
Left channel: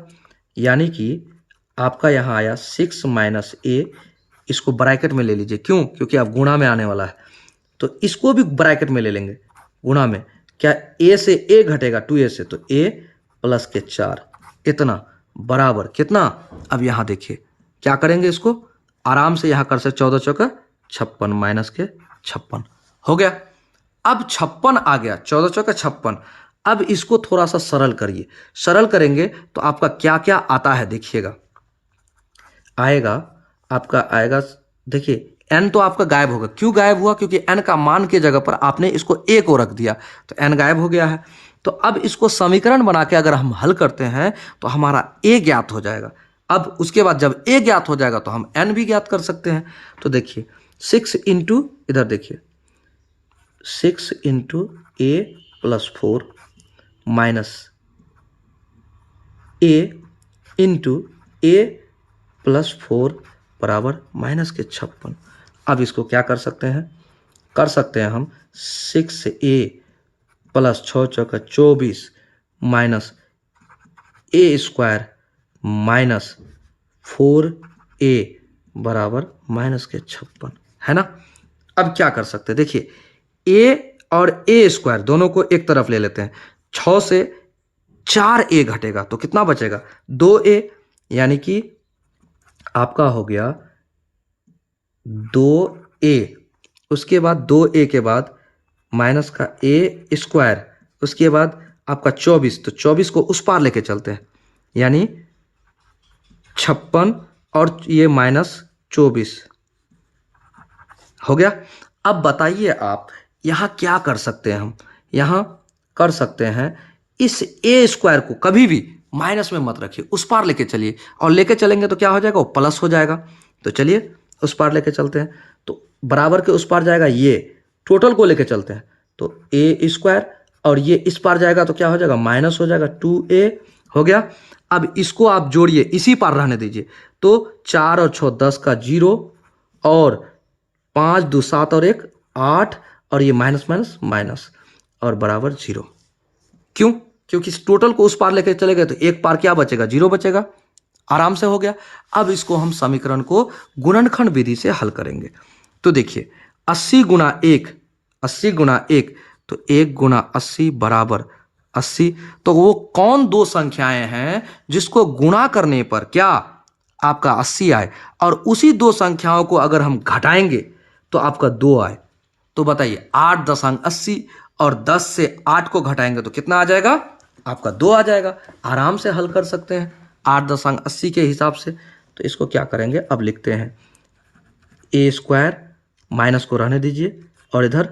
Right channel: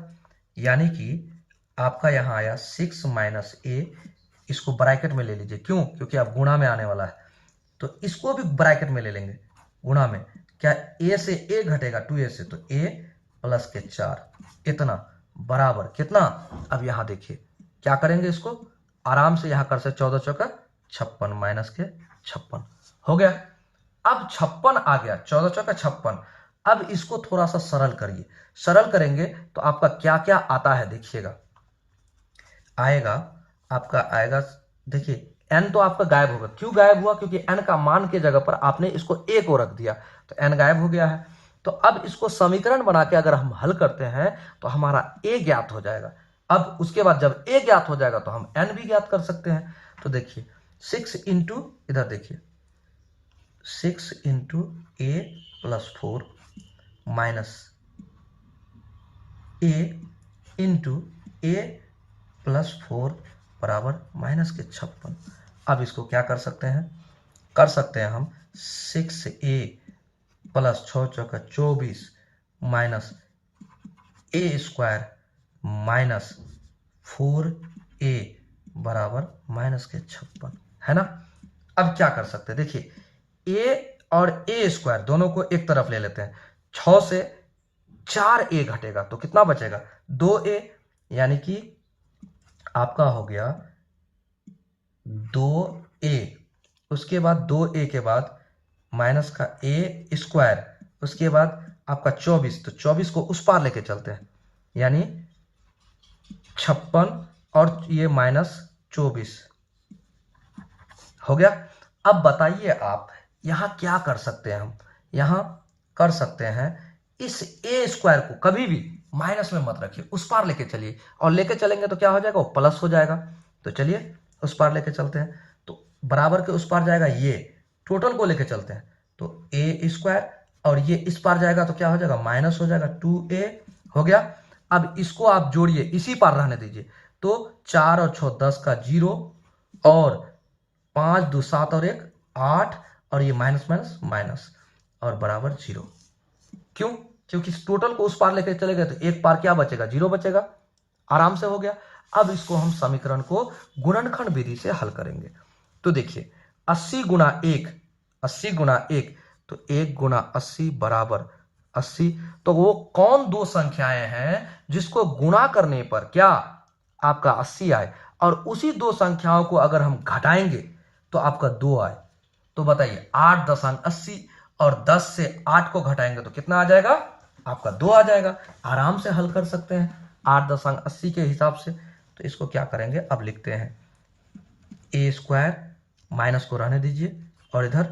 यानी कि आपका यहाँ आया 6 माइनस a, इसको ब्रैकेट में ले लीजिए, क्यों, क्योंकि अब गुणा में आने वाला है तो इसको भी ब्रैकेट में ले लेंगे गुणा में। क्या a से a घटेगा 2a से, तो a प्लस के 4 इतना बराबर कितना। अब यहाँ देखिए क्या करेंगे, इसको आराम से यहाँ कर सकते 14 चौका 56 माइनस के 56 हो गया। अब 56 आ गया, 14 चौका 56। अब इसको थोड़ा सा सरल करिए, सरल करेंगे तो आपका क्या क्या आता है देखिएगा। आएगा आपका आएगा, देखिए n तो आपका गायब होगा। क्यों गायब हुआ, क्योंकि n का मान की जगह पर आपने इसको a को रख दिया तो n गायब हो गया है। तो अब इसको समीकरण बना के अगर हम हल करते हैं तो हमारा a ज्ञात हो जाएगा। अब उसके बाद जब a ज्ञात हो जाएगा तो हम n भी ज्ञात कर सकते हैं। तो देखिए 6 इंटू, इधर देखिए 6 into a plus 4 minus a into a plus 4 बराबर माइनस के 56। अब इसको क्या कर सकते हैं, कर सकते हैं हम 6a प्लस 6 चौका 24 minus a square minus 4a बराबर माइनस के 56 है ना। अब क्या कर सकते हैं, देखिए a और a स्क्वायर दोनों को एक तरफ ले लेते हैं। 6 से 4a घटेगा तो कितना बचेगा, 2a, यानी कि आपका हो गया 2a। उसके बाद 2a के बाद माइनस का a स्क्वायर, उसके बाद आपका 24, तो 24 को उस पार लेके चलते हैं, यानी 56 और ये माइनस 24 हो गया। अब बताइए आप यहाँ क्या कर सकते हैं, हम यहाँ कर सकते हैं इस a स्क्वायर को कभी भी माइनस में मत रखिए, उस पार लेके चलिए, और लेके चलेंगे तो क्या हो जाएगा, वो प्लस हो जाएगा। तो चलिए उस पार लेके चलते हैं, तो बराबर के उस पार जाएगा, ये टोटल को लेके चलते हैं तो a स्क्वायर, और ये इस पार जाएगा तो क्या हो जाएगा, माइनस हो जाएगा 2a हो गया। अब इसको आप जोड़िए, इसी पार रहने दीजिए, तो 4 और 6 10 का 0, और 5 2 7 और 1 8, और ये माइनस माइनस माइनस और बराबर 0। क्यों, क्योंकि इस टोटल को उस पार लेके चले गए तो एक पार क्या बचेगा, 0 बचेगा। आराम से हो गया। अब इसको हम समीकरण को गुणनखंड विधि से हल करेंगे। तो देखिए 80 गुना 1, 80 गुना 1, तो 1 गुना 80 बराबर 80। तो वो कौन दो संख्याएं हैं जिसको गुणा करने पर क्या आपका 80 आए, और उसी दो संख्याओं को अगर हम घटाएंगे तो आपका 2 आए। तो बताइए 8.80 और 10 से 8 को घटाएंगे तो कितना आ जाएगा, आपका 2 आ जाएगा। आराम से हल कर सकते हैं 8.80 के हिसाब से। तो इसको क्या करेंगे, अब लिखते हैं a स्क्वायर, माइनस को रहने दीजिए, और इधर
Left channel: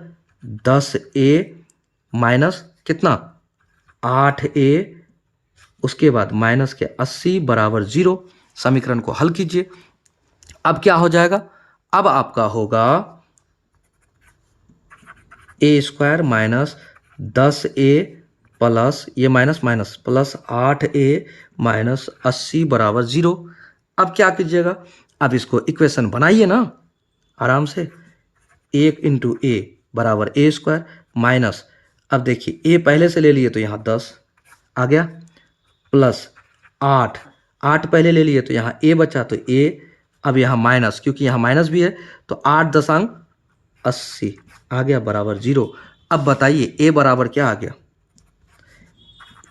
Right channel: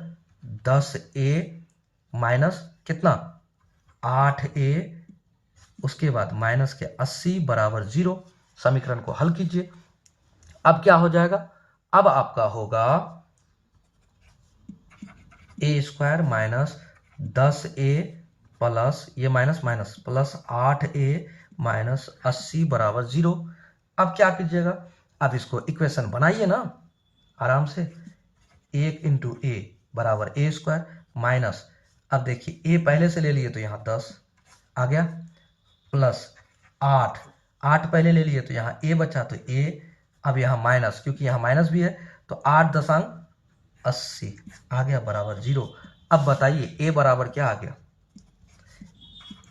10a माइनस कितना 8a, उसके बाद माइनस के 80 बराबर 0। समीकरण को हल कीजिए। अब क्या हो जाएगा, अब आपका होगा a square minus 10a plus ये minus minus plus 8a minus 80 बराबर 0। अब क्या कीजिएगा, अब इसको इक्वेशन बनाइए ना आराम से। 1 इंटू ए बराबर a स्क्वायर माइनस, अब देखिए a पहले से ले लिए तो यहाँ 10 आ गया, प्लस 8 पहले ले लिए तो यहाँ a बचा तो a, अब यहाँ माइनस, क्योंकि यहाँ माइनस भी है तो 8.80 आ गया बराबर 0। अब बताइए a बराबर क्या आ गया,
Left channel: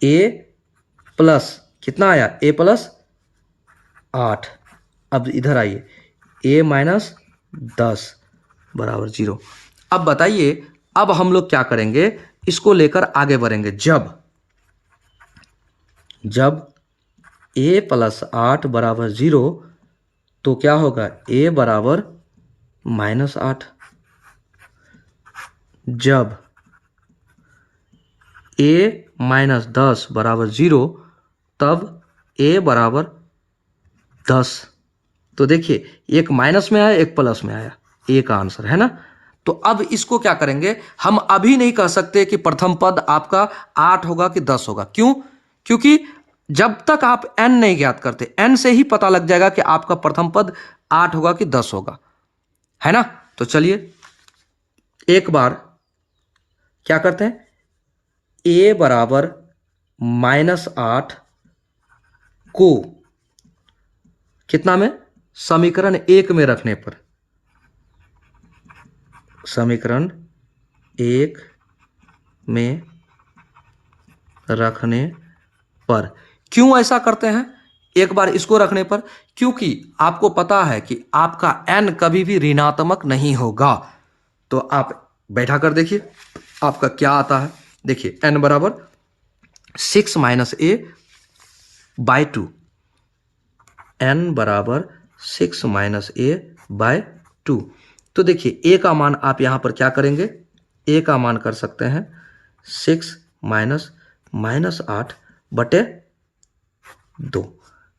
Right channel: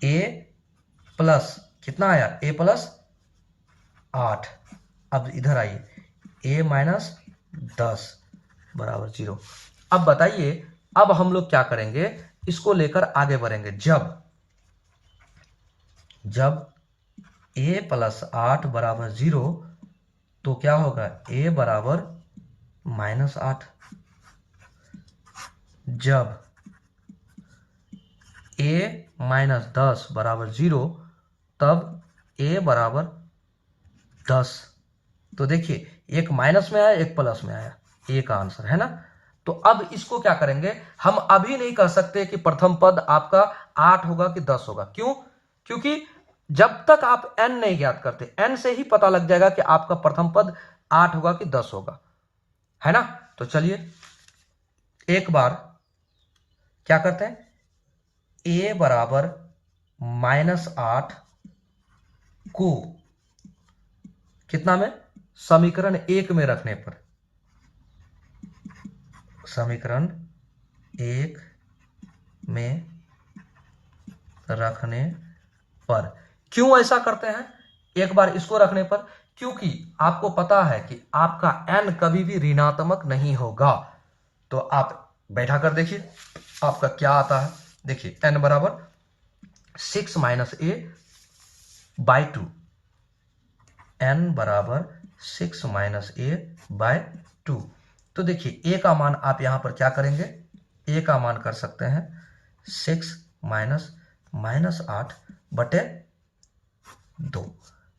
a प्लस कितना आया, a प्लस 8। अब इधर आइए a माइनस 10 बराबर 0। अब बताइए, अब हम लोग क्या करेंगे, इसको लेकर आगे बढ़ेंगे। जब a प्लस 8 बराबर 0 तो क्या होगा, a बराबर माइनस 8। जब a माइनस 10 बराबर 0 तब a बराबर 10। तो देखिए एक माइनस में आया एक प्लस में आया, ए का आंसर है ना। तो अब इसको क्या करेंगे, हम अभी नहीं कह सकते कि प्रथम पद आपका 8 होगा कि 10 होगा। क्यों? क्योंकि जब तक आप n नहीं ज्ञात करते, n से ही पता लग जाएगा कि आपका प्रथम पद 8 होगा कि 10 होगा, है ना। तो चलिए एक बार क्या करते हैं, a बराबर -8 को कितना में, समीकरण 1 में रखने पर, समीकरण 1 में रखने पर, क्यों ऐसा करते हैं एक बार इसको रखने पर, क्योंकि आपको पता है कि आपका n कभी भी ऋणात्मक नहीं होगा। तो आप बैठा कर देखिए आपका क्या आता है। देखिए n बराबर 6 - a बाय 2, n बराबर 6 - a बाय 2। तो देखिए a का मान आप यहां पर क्या करेंगे, a का मान कर सकते हैं 6 -8 बटे 2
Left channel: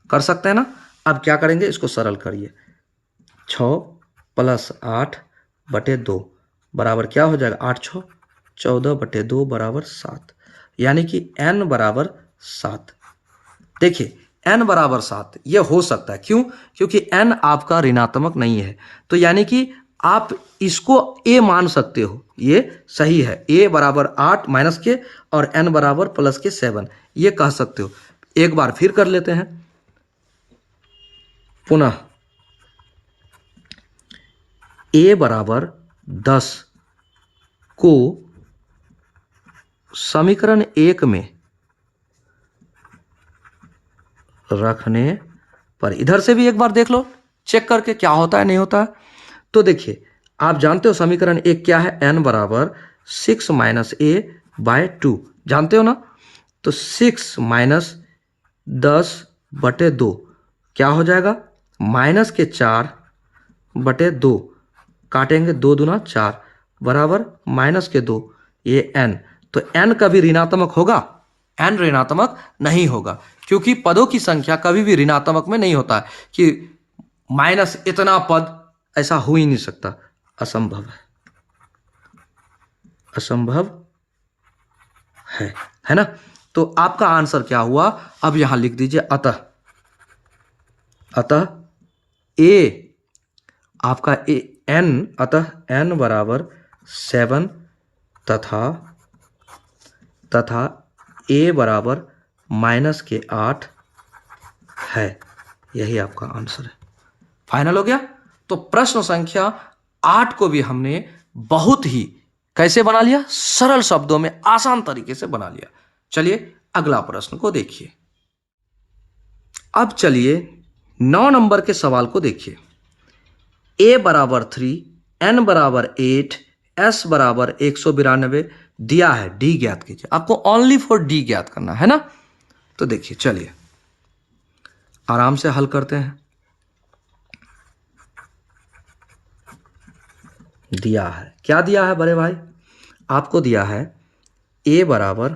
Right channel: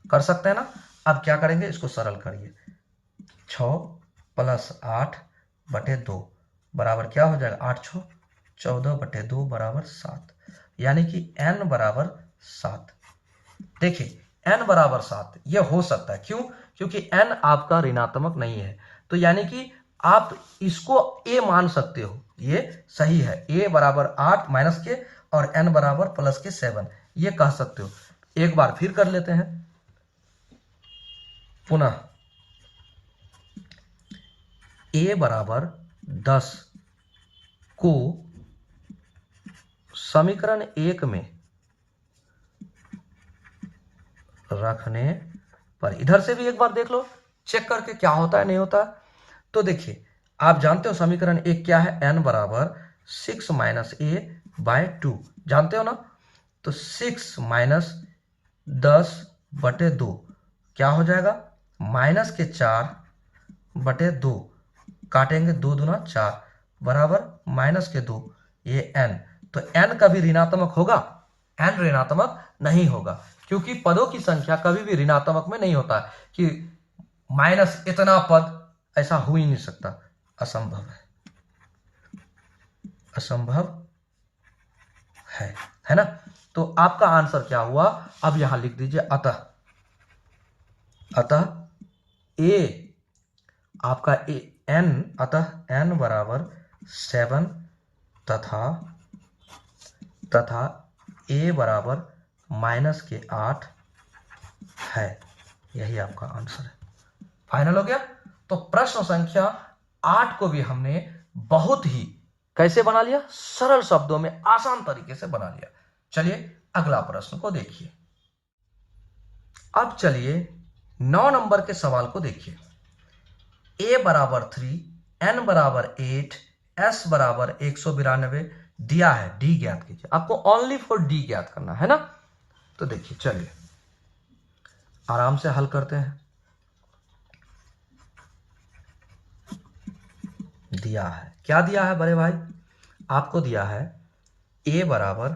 कर सकते हैं ना। अब क्या करेंगे, इसको सरल करिए, 6 + 8 बटे 2 बराबर क्या हो जाएगा, 8 6 14 बटे 2 बराबर 7, यानी कि n बराबर 7। देखिए n बराबर 7 ये हो सकता है, क्यों? क्योंकि n आपका ऋणात्मक नहीं है। तो यानी कि आप इसको a मान सकते हो, ये सही है। a बराबर 8 माइनस के और n बराबर प्लस के 7, ये कह सकते हो। एक बार फिर कर लेते हैं पुनः, a बराबर 10 को समीकरण 1 में रखने पर, इधर से भी एक बार देख लो चेक करके क्या होता है नहीं होता है। तो देखिए आप जानते हो समीकरण 1 क्या है, n बराबर 6 - a बाय 2, जानते हो ना। तो 6 - 10 बटे 2 क्या हो जाएगा, -4 बटे 2, काटेंगे 2 दूना 4 बराबर -2, ये n। तो n कभी ऋणात्मक होगा, n ऋणात्मक नहीं होगा, क्योंकि पदों की संख्या कभी भी ऋणात्मक में नहीं होता है कि माइनस इतना पद, ऐसा हो ही नहीं सकता, असंभव है, असंभव है ना। तो आपका आंसर क्या हुआ, अब यहां लिख दीजिए अतः a आपका n, अतः n बराबर 7 तथा a बराबर -8 है। यही आपका आंसर है। फाइनल हो गया। तो प्रश्न संख्या 8 को भी हमने बहुत ही कैसे बना लिया, सरल शब्दों में आसान तरीके से बना लिया। चलिए अगला प्रश्न को देखिए। अब चलिए 9 नंबर के सवाल को देखिए। a बराबर 3, n बराबर 8, s बराबर 192 दिया है, d ज्ञात कीजिए। आपको ओनली फॉर d ज्ञात करना है ना। तो देखिए चलिए आराम से हल करते हैं। दिया है, क्या दिया है बड़े भाई, आपको दिया है a बराबर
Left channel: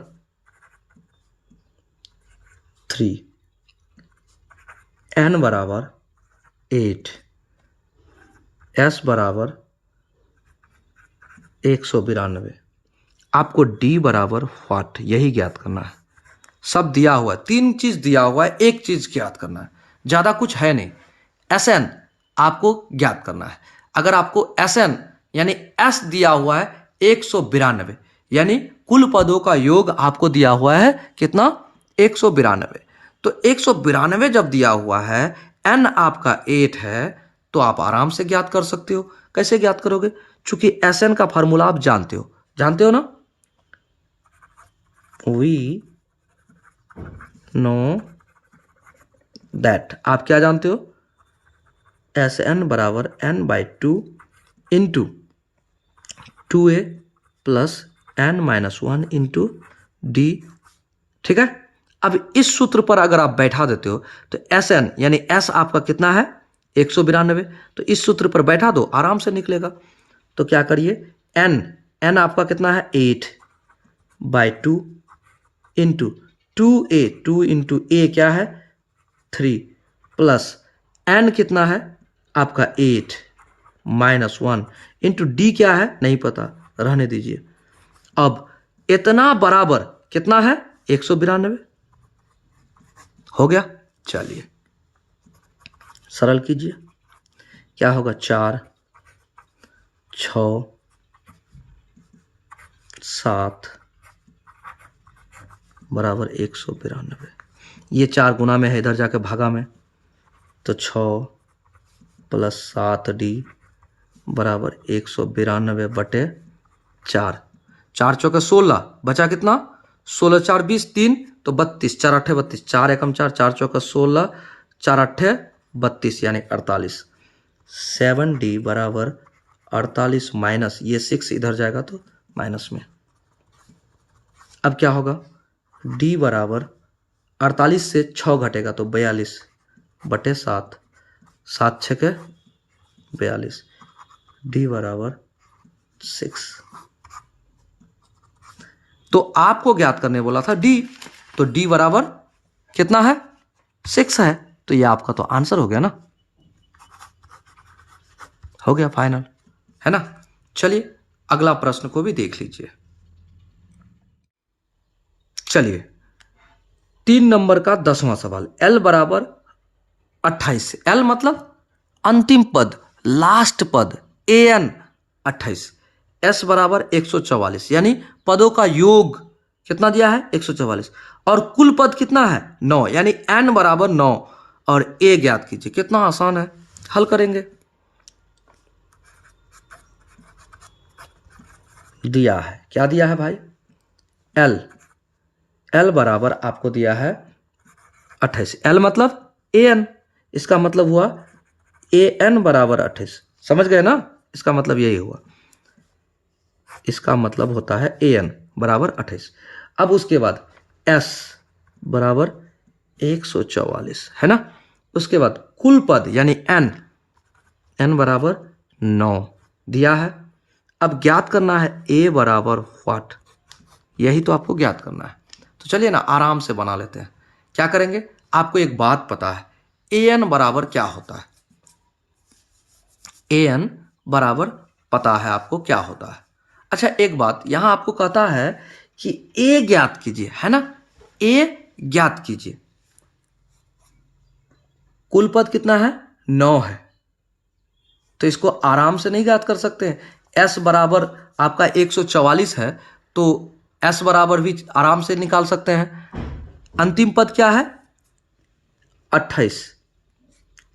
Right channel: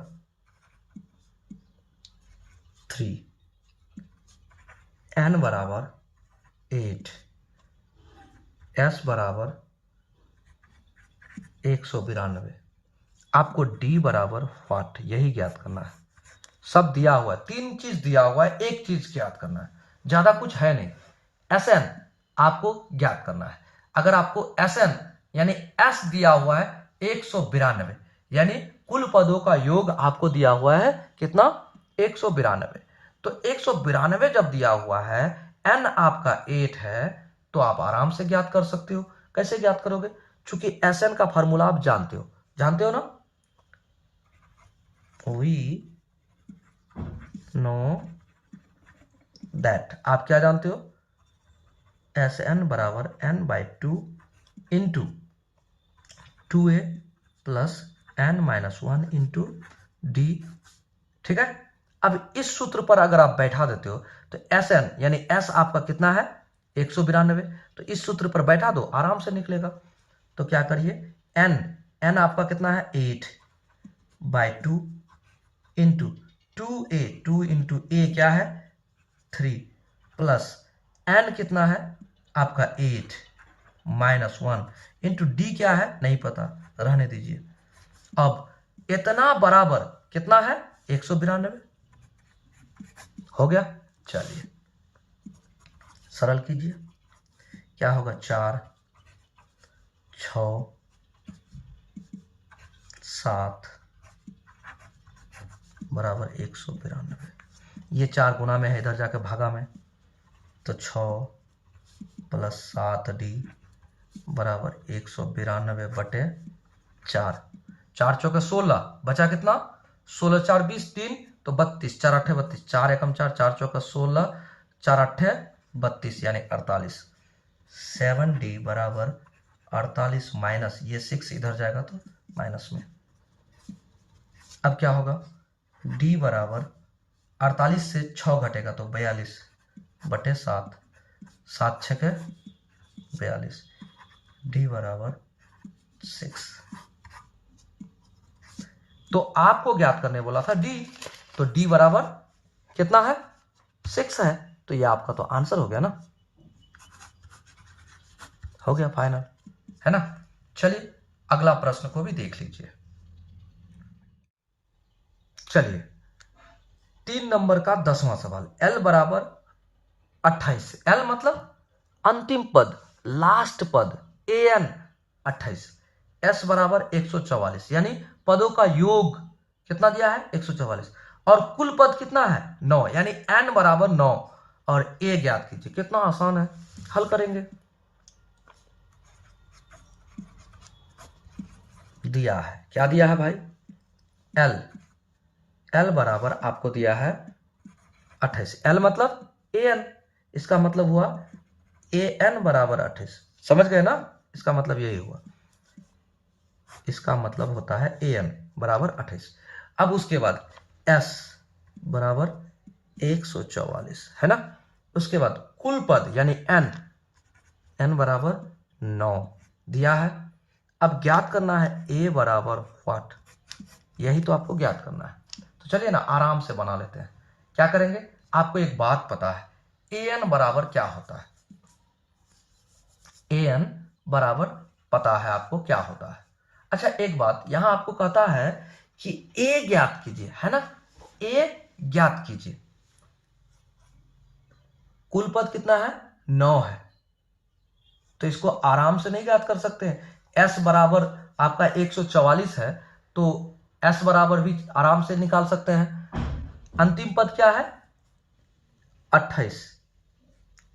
3, n बराबर 8, s बराबर 192, आपको d बराबर व्हाट, यही ज्ञात करना है। सब दिया हुआ है, 3 चीज दिया हुआ है, एक चीज ज्ञात करना है, ज्यादा कुछ है नहीं। Sn आपको ज्ञात करना है। अगर आपको Sn यानी s दिया हुआ है 192, यानी कुल पदों का योग आपको दिया हुआ है कितना, 192। तो 192 जब दिया हुआ है, n आपका 8 है, तो आप आराम से ज्ञात कर सकते हो। कैसे ज्ञात करोगे, चूंकि Sn का फॉर्मूला आप जानते हो ना। वी नो दैट, आप क्या जानते हो, Sn बराबर n/2 into 2a plus n-1 into d, ठीक है। अब इस सूत्र पर अगर आप बैठा देते हो तो Sn यानी s आपका कितना है 192, तो इस सूत्र पर बैठा दो, आराम से निकलेगा। तो क्या करिए, n आपका कितना है 8/2 इंटू 2a, 2 इंटू a क्या है 3 प्लस एन कितना है आपका 8 माइनस 1 इंटू डी क्या है नहीं पता, रहने दीजिए। अब इतना बराबर कितना है 192 हो गया। चलिए सरल कीजिए, क्या होगा 4 6 7 बराबर 192। ये 4 गुना में है, इधर जाके भागा में, तो 6 प्लस 7d बराबर 192 बटे 4। 4 चौके 16, बचा कितना 16 4 20 3 तो 32, 4 8 32, 4 एकम 4, 4 चौका 16, 4 8 32 यानी 48। 7d बराबर 48 माइनस ये 6 इधर जाएगा तो माइनस में। अब क्या होगा d बराबर 48 से 6 घटेगा तो 42 बटे 7, 7 6 42, d बराबर 6। तो आपको ज्ञात करने बोला था d, तो d बराबर कितना है 6 है, तो ये आपका तो आंसर हो गया ना, हो गया फाइनल, है ना। चलिए अगला प्रश्न को भी देख लीजिए। चलिए 3 नंबर का 10वां सवाल, l बराबर 28, l मतलब अंतिम पद, लास्ट पद, an 28, s बराबर 144 यानी पदों का योग कितना दिया है 144, और कुल पद कितना है 9 यानी n बराबर 9, और a ज्ञात कीजिए। कितना आसान है, हल करेंगे। दिया है, क्या दिया है भाई l बराबर आपको दिया है 28, l मतलब an, इसका मतलब हुआ an बराबर 28, समझ गए ना, इसका मतलब यही हुआ, इसका मतलब होता है an बराबर 28। अब उसके बाद s बराबर 144 है ना, उसके बाद कुल पद यानी n बराबर 9 दिया है। अब ज्ञात करना है a बराबर व्हाट, यही तो आपको ज्ञात करना है। तो चलिए ना आराम से बना लेते हैं। क्या करेंगे, आपको एक बात पता है an बराबर क्या होता है, an बराबर पता है आपको क्या होता है। अच्छा एक बात यहां आपको कहता है कि a ज्ञात कीजिए, है ना, a ज्ञात कीजिए। कुल पद कितना है 9 है, तो इसको आराम से नहीं ज्ञात कर सकते हैं। s बराबर आपका 144 है तो s बराबर भी आराम से निकाल सकते हैं। अंतिम पद क्या है 28,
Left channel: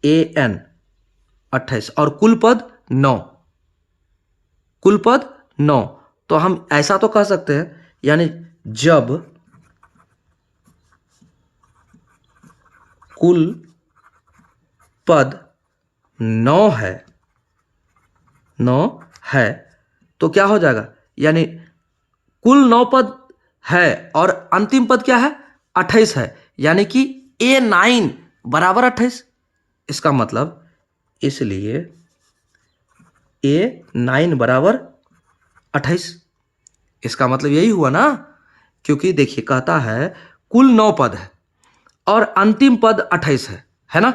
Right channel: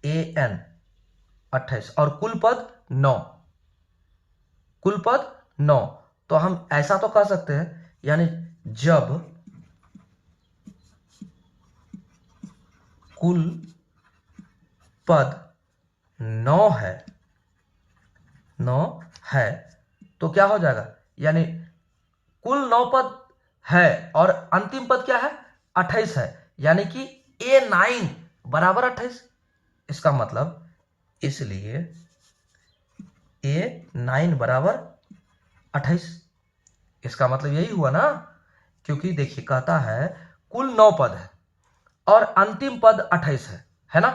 an 28, और कुल पद 9, कुल पद 9, तो हम ऐसा तो कह सकते हैं यानी जब कुल पद 9 है तो क्या हो जाएगा, यानी कुल 9 पद है और अंतिम पद क्या है 28 है, यानी कि a9 बराबर 28। इसका मतलब इसलिए a9 बराबर 28, इसका मतलब यही हुआ ना, क्योंकि देखिए कहता है कुल 9 पद है और अंतिम पद 28 है ना,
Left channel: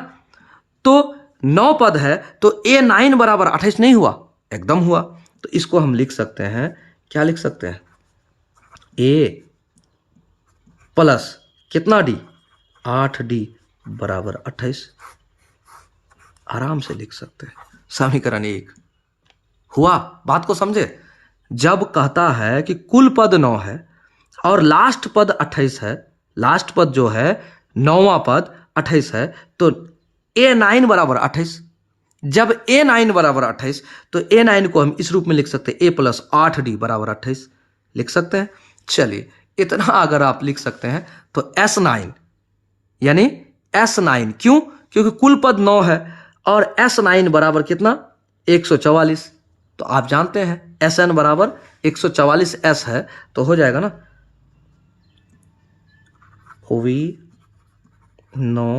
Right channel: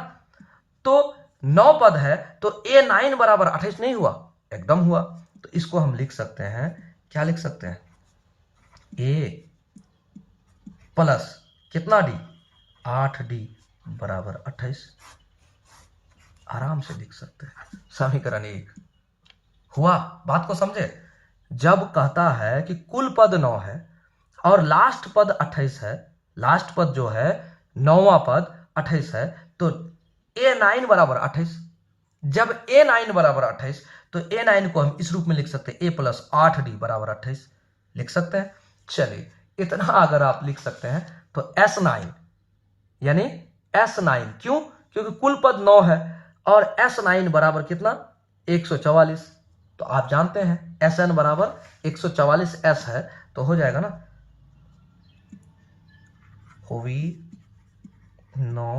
तो 9 पद है तो a9 बराबर 28 नहीं हुआ, एकदम हुआ। तो इसको हम लिख सकते हैं, क्या लिख सकते हैं, a प्लस कितना d 8d बराबर 28, आराम से लिख सकते हैं। समीकरण 1 हुआ, बात को समझे। जब कहता है कि कुल पद 9 है और लास्ट पद 28 है, लास्ट पद जो है 9वां पद 28 है, तो a9 बराबर 28। जब a9 बराबर 28 तो a9 को हम इस रूप में लिख सकते हैं a प्लस 8d बराबर 28 लिख सकते हैं। चलिए इतना अगर आप लिख सकते हैं तो s9 यानी s9, क्यों, क्योंकि कुल पद 9 है और s9 बराबर कितना 144, तो आप जानते हैं sn बराबर 144s है, तो हो जाएगा ना वी नो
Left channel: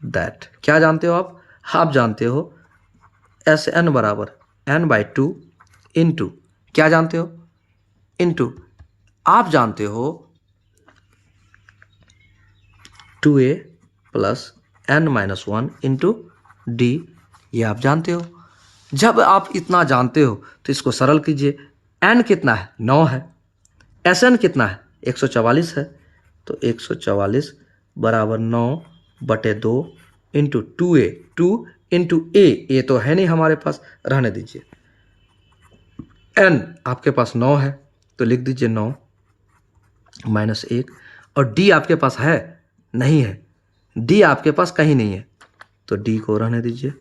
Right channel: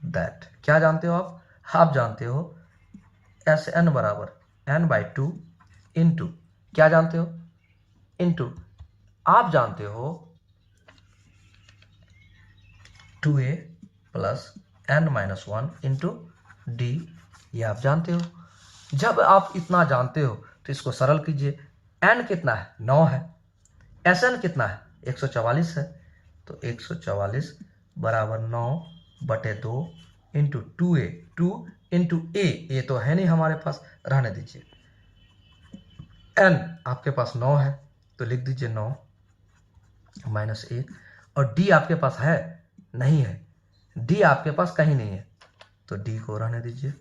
दैट। क्या जानते हो आप जानते हो sn बराबर n/2 इंटू, क्या जानते हो, इंटू आप जानते हो 2a plus n-1 into D, ये आप जानते हो। जब आप इतना जानते हो तो इसको सरल कीजिए। n कितना है? 9 है। Sn कितना है? 144 है। तो 144 बराबर 9/2 इंटू 2a, 2 इंटू ए तो है नहीं हमारे पास, रहने दीजिए। n आपके पास 9 है तो लिख दीजिए 9 माइनस 1, और d आपके पास है? नहीं है, d आपके पास कहीं नहीं है, तो d को रहने दीजिए।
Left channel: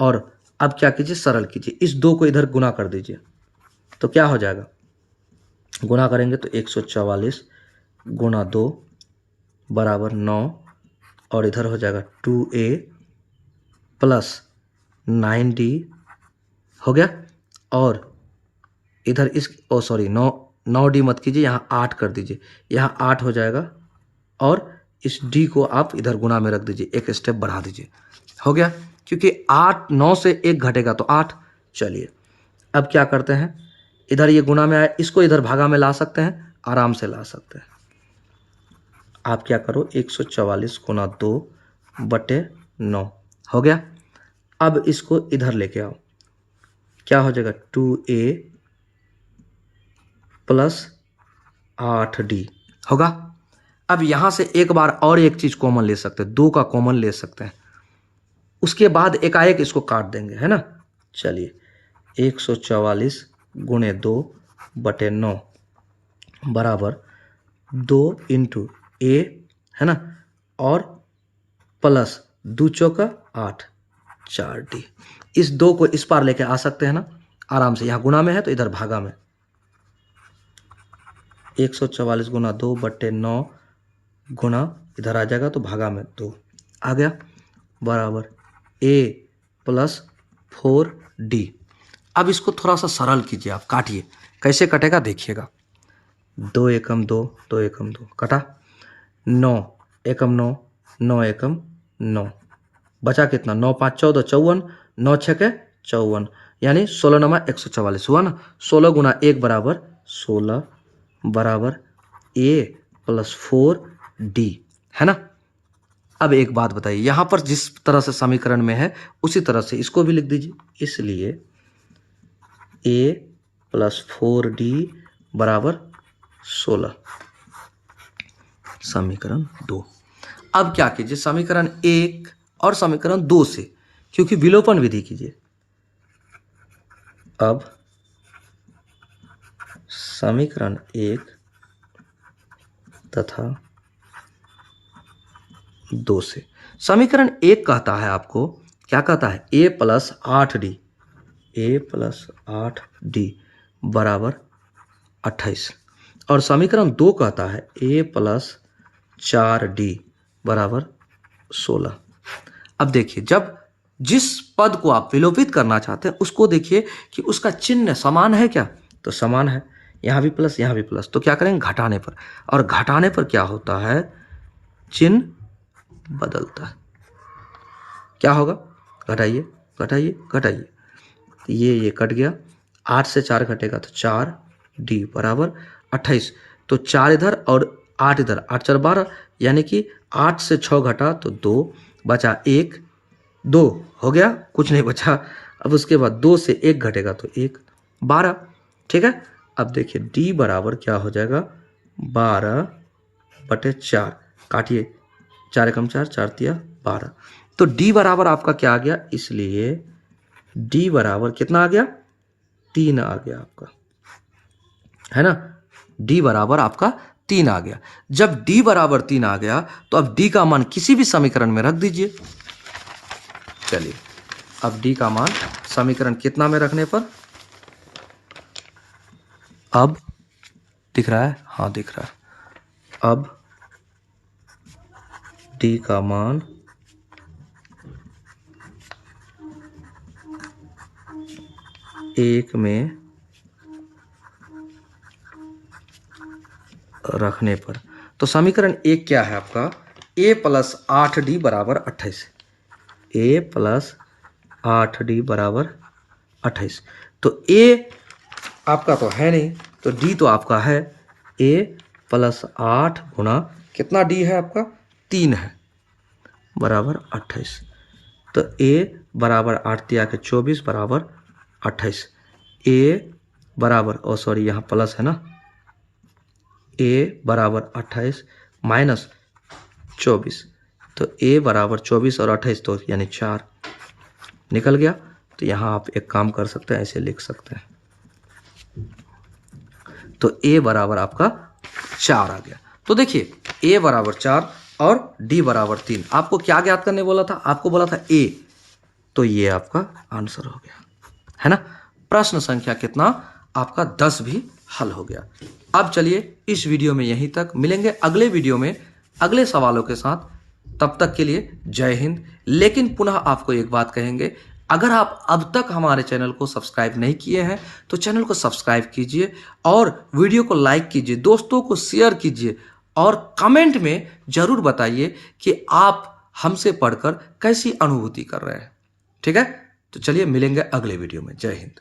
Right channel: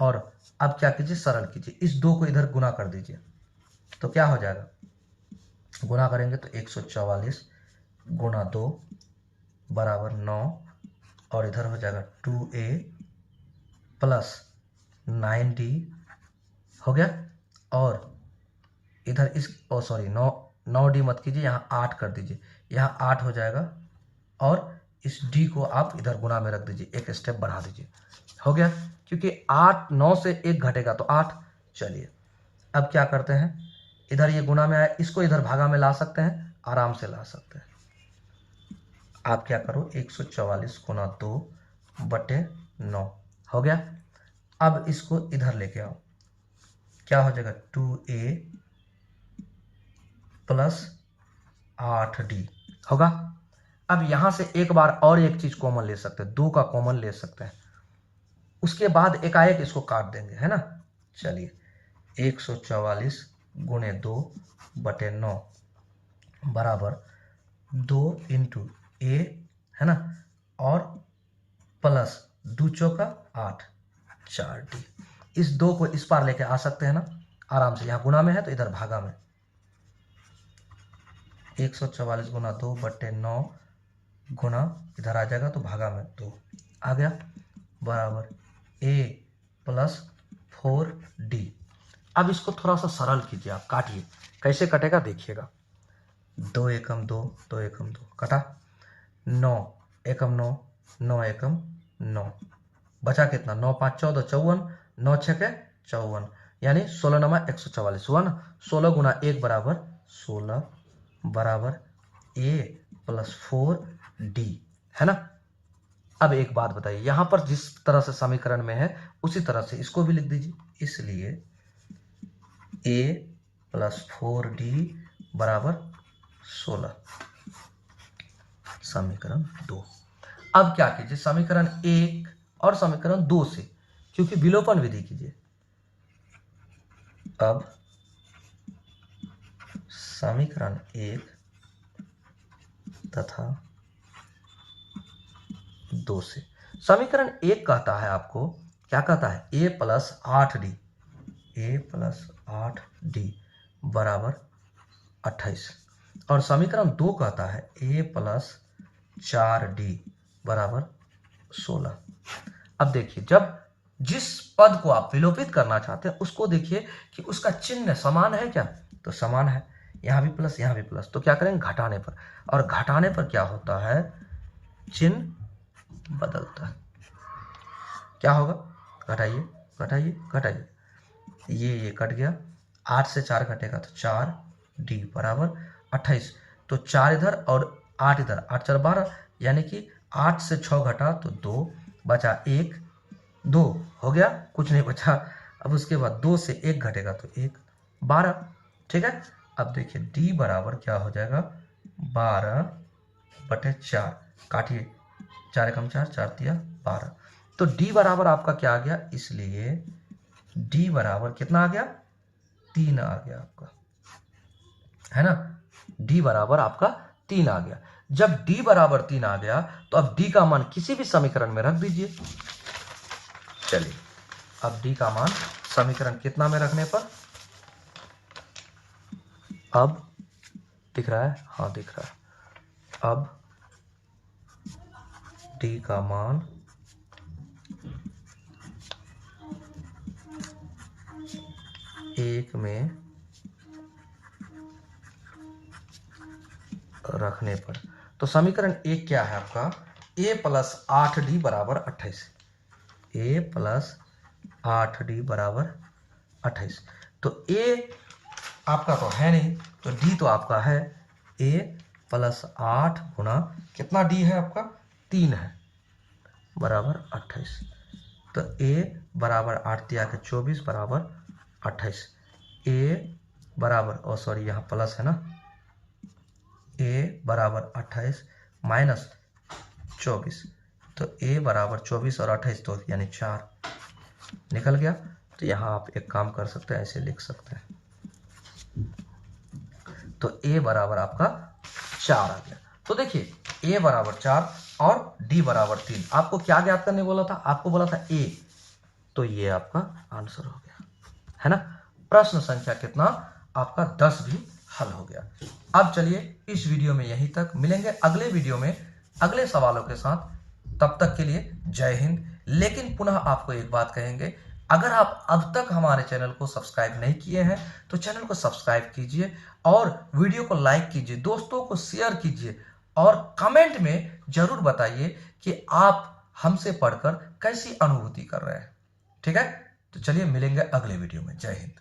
और अब क्या कीजिए? सरल कीजिए, इस 2 को इधर गुना कर दीजिए। तो क्या हो जाएगा? गुना करेंगे तो 144 गुना 2 बराबर 9, और इधर हो जाएगा 2a प्लस 9d हो गया। और इधर इस सॉरी 9d मत कीजिए, यहाँ 8 कर दीजिए, यहाँ 8 हो जाएगा। और इस d को आप इधर गुना में रख दीजिए, एक स्टेप बढ़ा दीजिए। हो गया, क्योंकि 9 से 1 घटेगा तो 8। चलिए अब क्या करते हैं, इधर ये गुना में आया, इसको इधर भागा में ला सकते हैं, आराम से ला सकते हैं। आप क्या करो, 144 गुना 2/9 हो गया। अब इसको इधर लेके आओ, क्या हो जाएगा? 2a प्लस 8d होगा। अब यहां से एक बार और एक चीज कॉमन ले सकते हैं, 2 का कॉमन ले सकते हैं, उसके बाद एकाएक इसको काट देंगे, है ना। चलिए 144 गुणे 2/9 बराबर 2 इंटू ए, है ना, और प्लस 2 चौका 8, 4d। इस 2 को इस पार लेके आ सकते हैं ना आराम से, यहाँ गुना में है तो इधर भागा में। 144 गुना 2/9 गुना इधर आ जाएगा तो भागा में 2 आ गया, बराबर a प्लस 4d। अब इसको थोड़ा सा सरल कीजिए, आप काटिए, कैसे कटेगा देखिएगा। 2 एकम 2, 2 एकम 2 कटा, 9 एकम 9, 9 एकम 9, बचा कितना? 9 5 14 54, 9 6 54, यानी 16 नमा 144 हुआ ना। 16 गुना 1 बराबर 16 बराबर a प्लस 4d, है ना। अब एक बात बताइए, यहां पर जिस तरह से समीकरण में है उसी तरह से इसको भी लिख दीजिए। इसलिए a प्लस 4d बराबर 16, समीकरण 2। अब क्या कीजिए, समीकरण 1 और समीकरण 2 से, क्योंकि विलोपन विधि कीजिए। अब समीकरण 1 तथा 2 से, समीकरण 1 कहता है आपको, क्या कहता है? a प्लस 8d बराबर 28, और समीकरण 2 कहता है a प्लस 4d बराबर 16। अब देखिए, जब जिस पद को आप विलोपित करना चाहते हैं उसको देखिए कि उसका चिन्ह समान है क्या, तो समान है, यहाँ भी प्लस यहाँ भी प्लस, तो क्या करेंगे? घटाने पर, और घटाने पर क्या होता है? चिन्ह बदलता है। क्या होगा? घटाइए घटाइए घटाइए, ये कट गया, 8 से 4 घटेगा तो 4d बराबर 28, तो 4 इधर और 8 इधर, 8 4 12, यानी कि 8 से 6 घटा तो 2 बचा 1, 2 हो गया, कुछ नहीं बचा। अब उसके बाद 2 से 1 घटेगा तो 1, 12, ठीक है। अब देखिए d बराबर क्या हो जाएगा? 12/4, काटिए, 4 एकम 4, 4 तिया 12, तो d बराबर आपका क्या आ गया? इसलिए d बराबर कितना आ गया? 3 आ गया आपका, है ना। d बराबर आपका 3 आ गया। जब d बराबर 3 आ गया तो अब d का मान किसी भी समीकरण में रख दीजिए। चलिए अब d का मान समीकरण कितना में रखने पर, अब दिख रहा है? हाँ दिख रहा है। अब d का मान एक में रखने पर, तो समीकरण 1 क्या है आपका? a प्लस 8d बराबर 28, a प्लस 8d बराबर 28, तो a आपका तो है नहीं, तो d तो आपका है। a प्लस 8 गुना कितना d है आपका? 3 है, बराबर 28। तो a बराबर 8 तिया के 24 बराबर 28। a बराबर सॉरी यहाँ प्लस है ना, a बराबर 28 माइनस 24। तो a बराबर 24 और 28 तो यानी 4 निकल गया। तो यहाँ आप एक काम कर सकते हैं, ऐसे लिख सकते हैं। तो a बराबर आपका 4 आ गया। तो देखिए a बराबर 4 और d बराबर 3। आपको क्या ज्ञात करने बोला था? आपको बोला था a, तो ये आपका आंसर हो गया, है ना। प्रश्न संख्या कितना? आपका 10 भी हल हो गया। अब चलिए इस वीडियो में यहीं तक, मिलेंगे अगले वीडियो में अगले सवालों के साथ। तब तक के लिए जय हिंद। लेकिन पुनः आपको एक बात कहेंगे, अगर आप अब तक हमारे चैनल को सब्सक्राइब नहीं किए हैं तो चैनल को सब्सक्राइब कीजिए और वीडियो को लाइक कीजिए, दोस्तों को शेयर कीजिए और कमेंट में जरूर बताइए कि आप हमसे पढ़कर कैसी अनुभूति कर रहे हैं। ठीक है, तो चलिए मिलेंगे अगले वीडियो में। जय हिंद।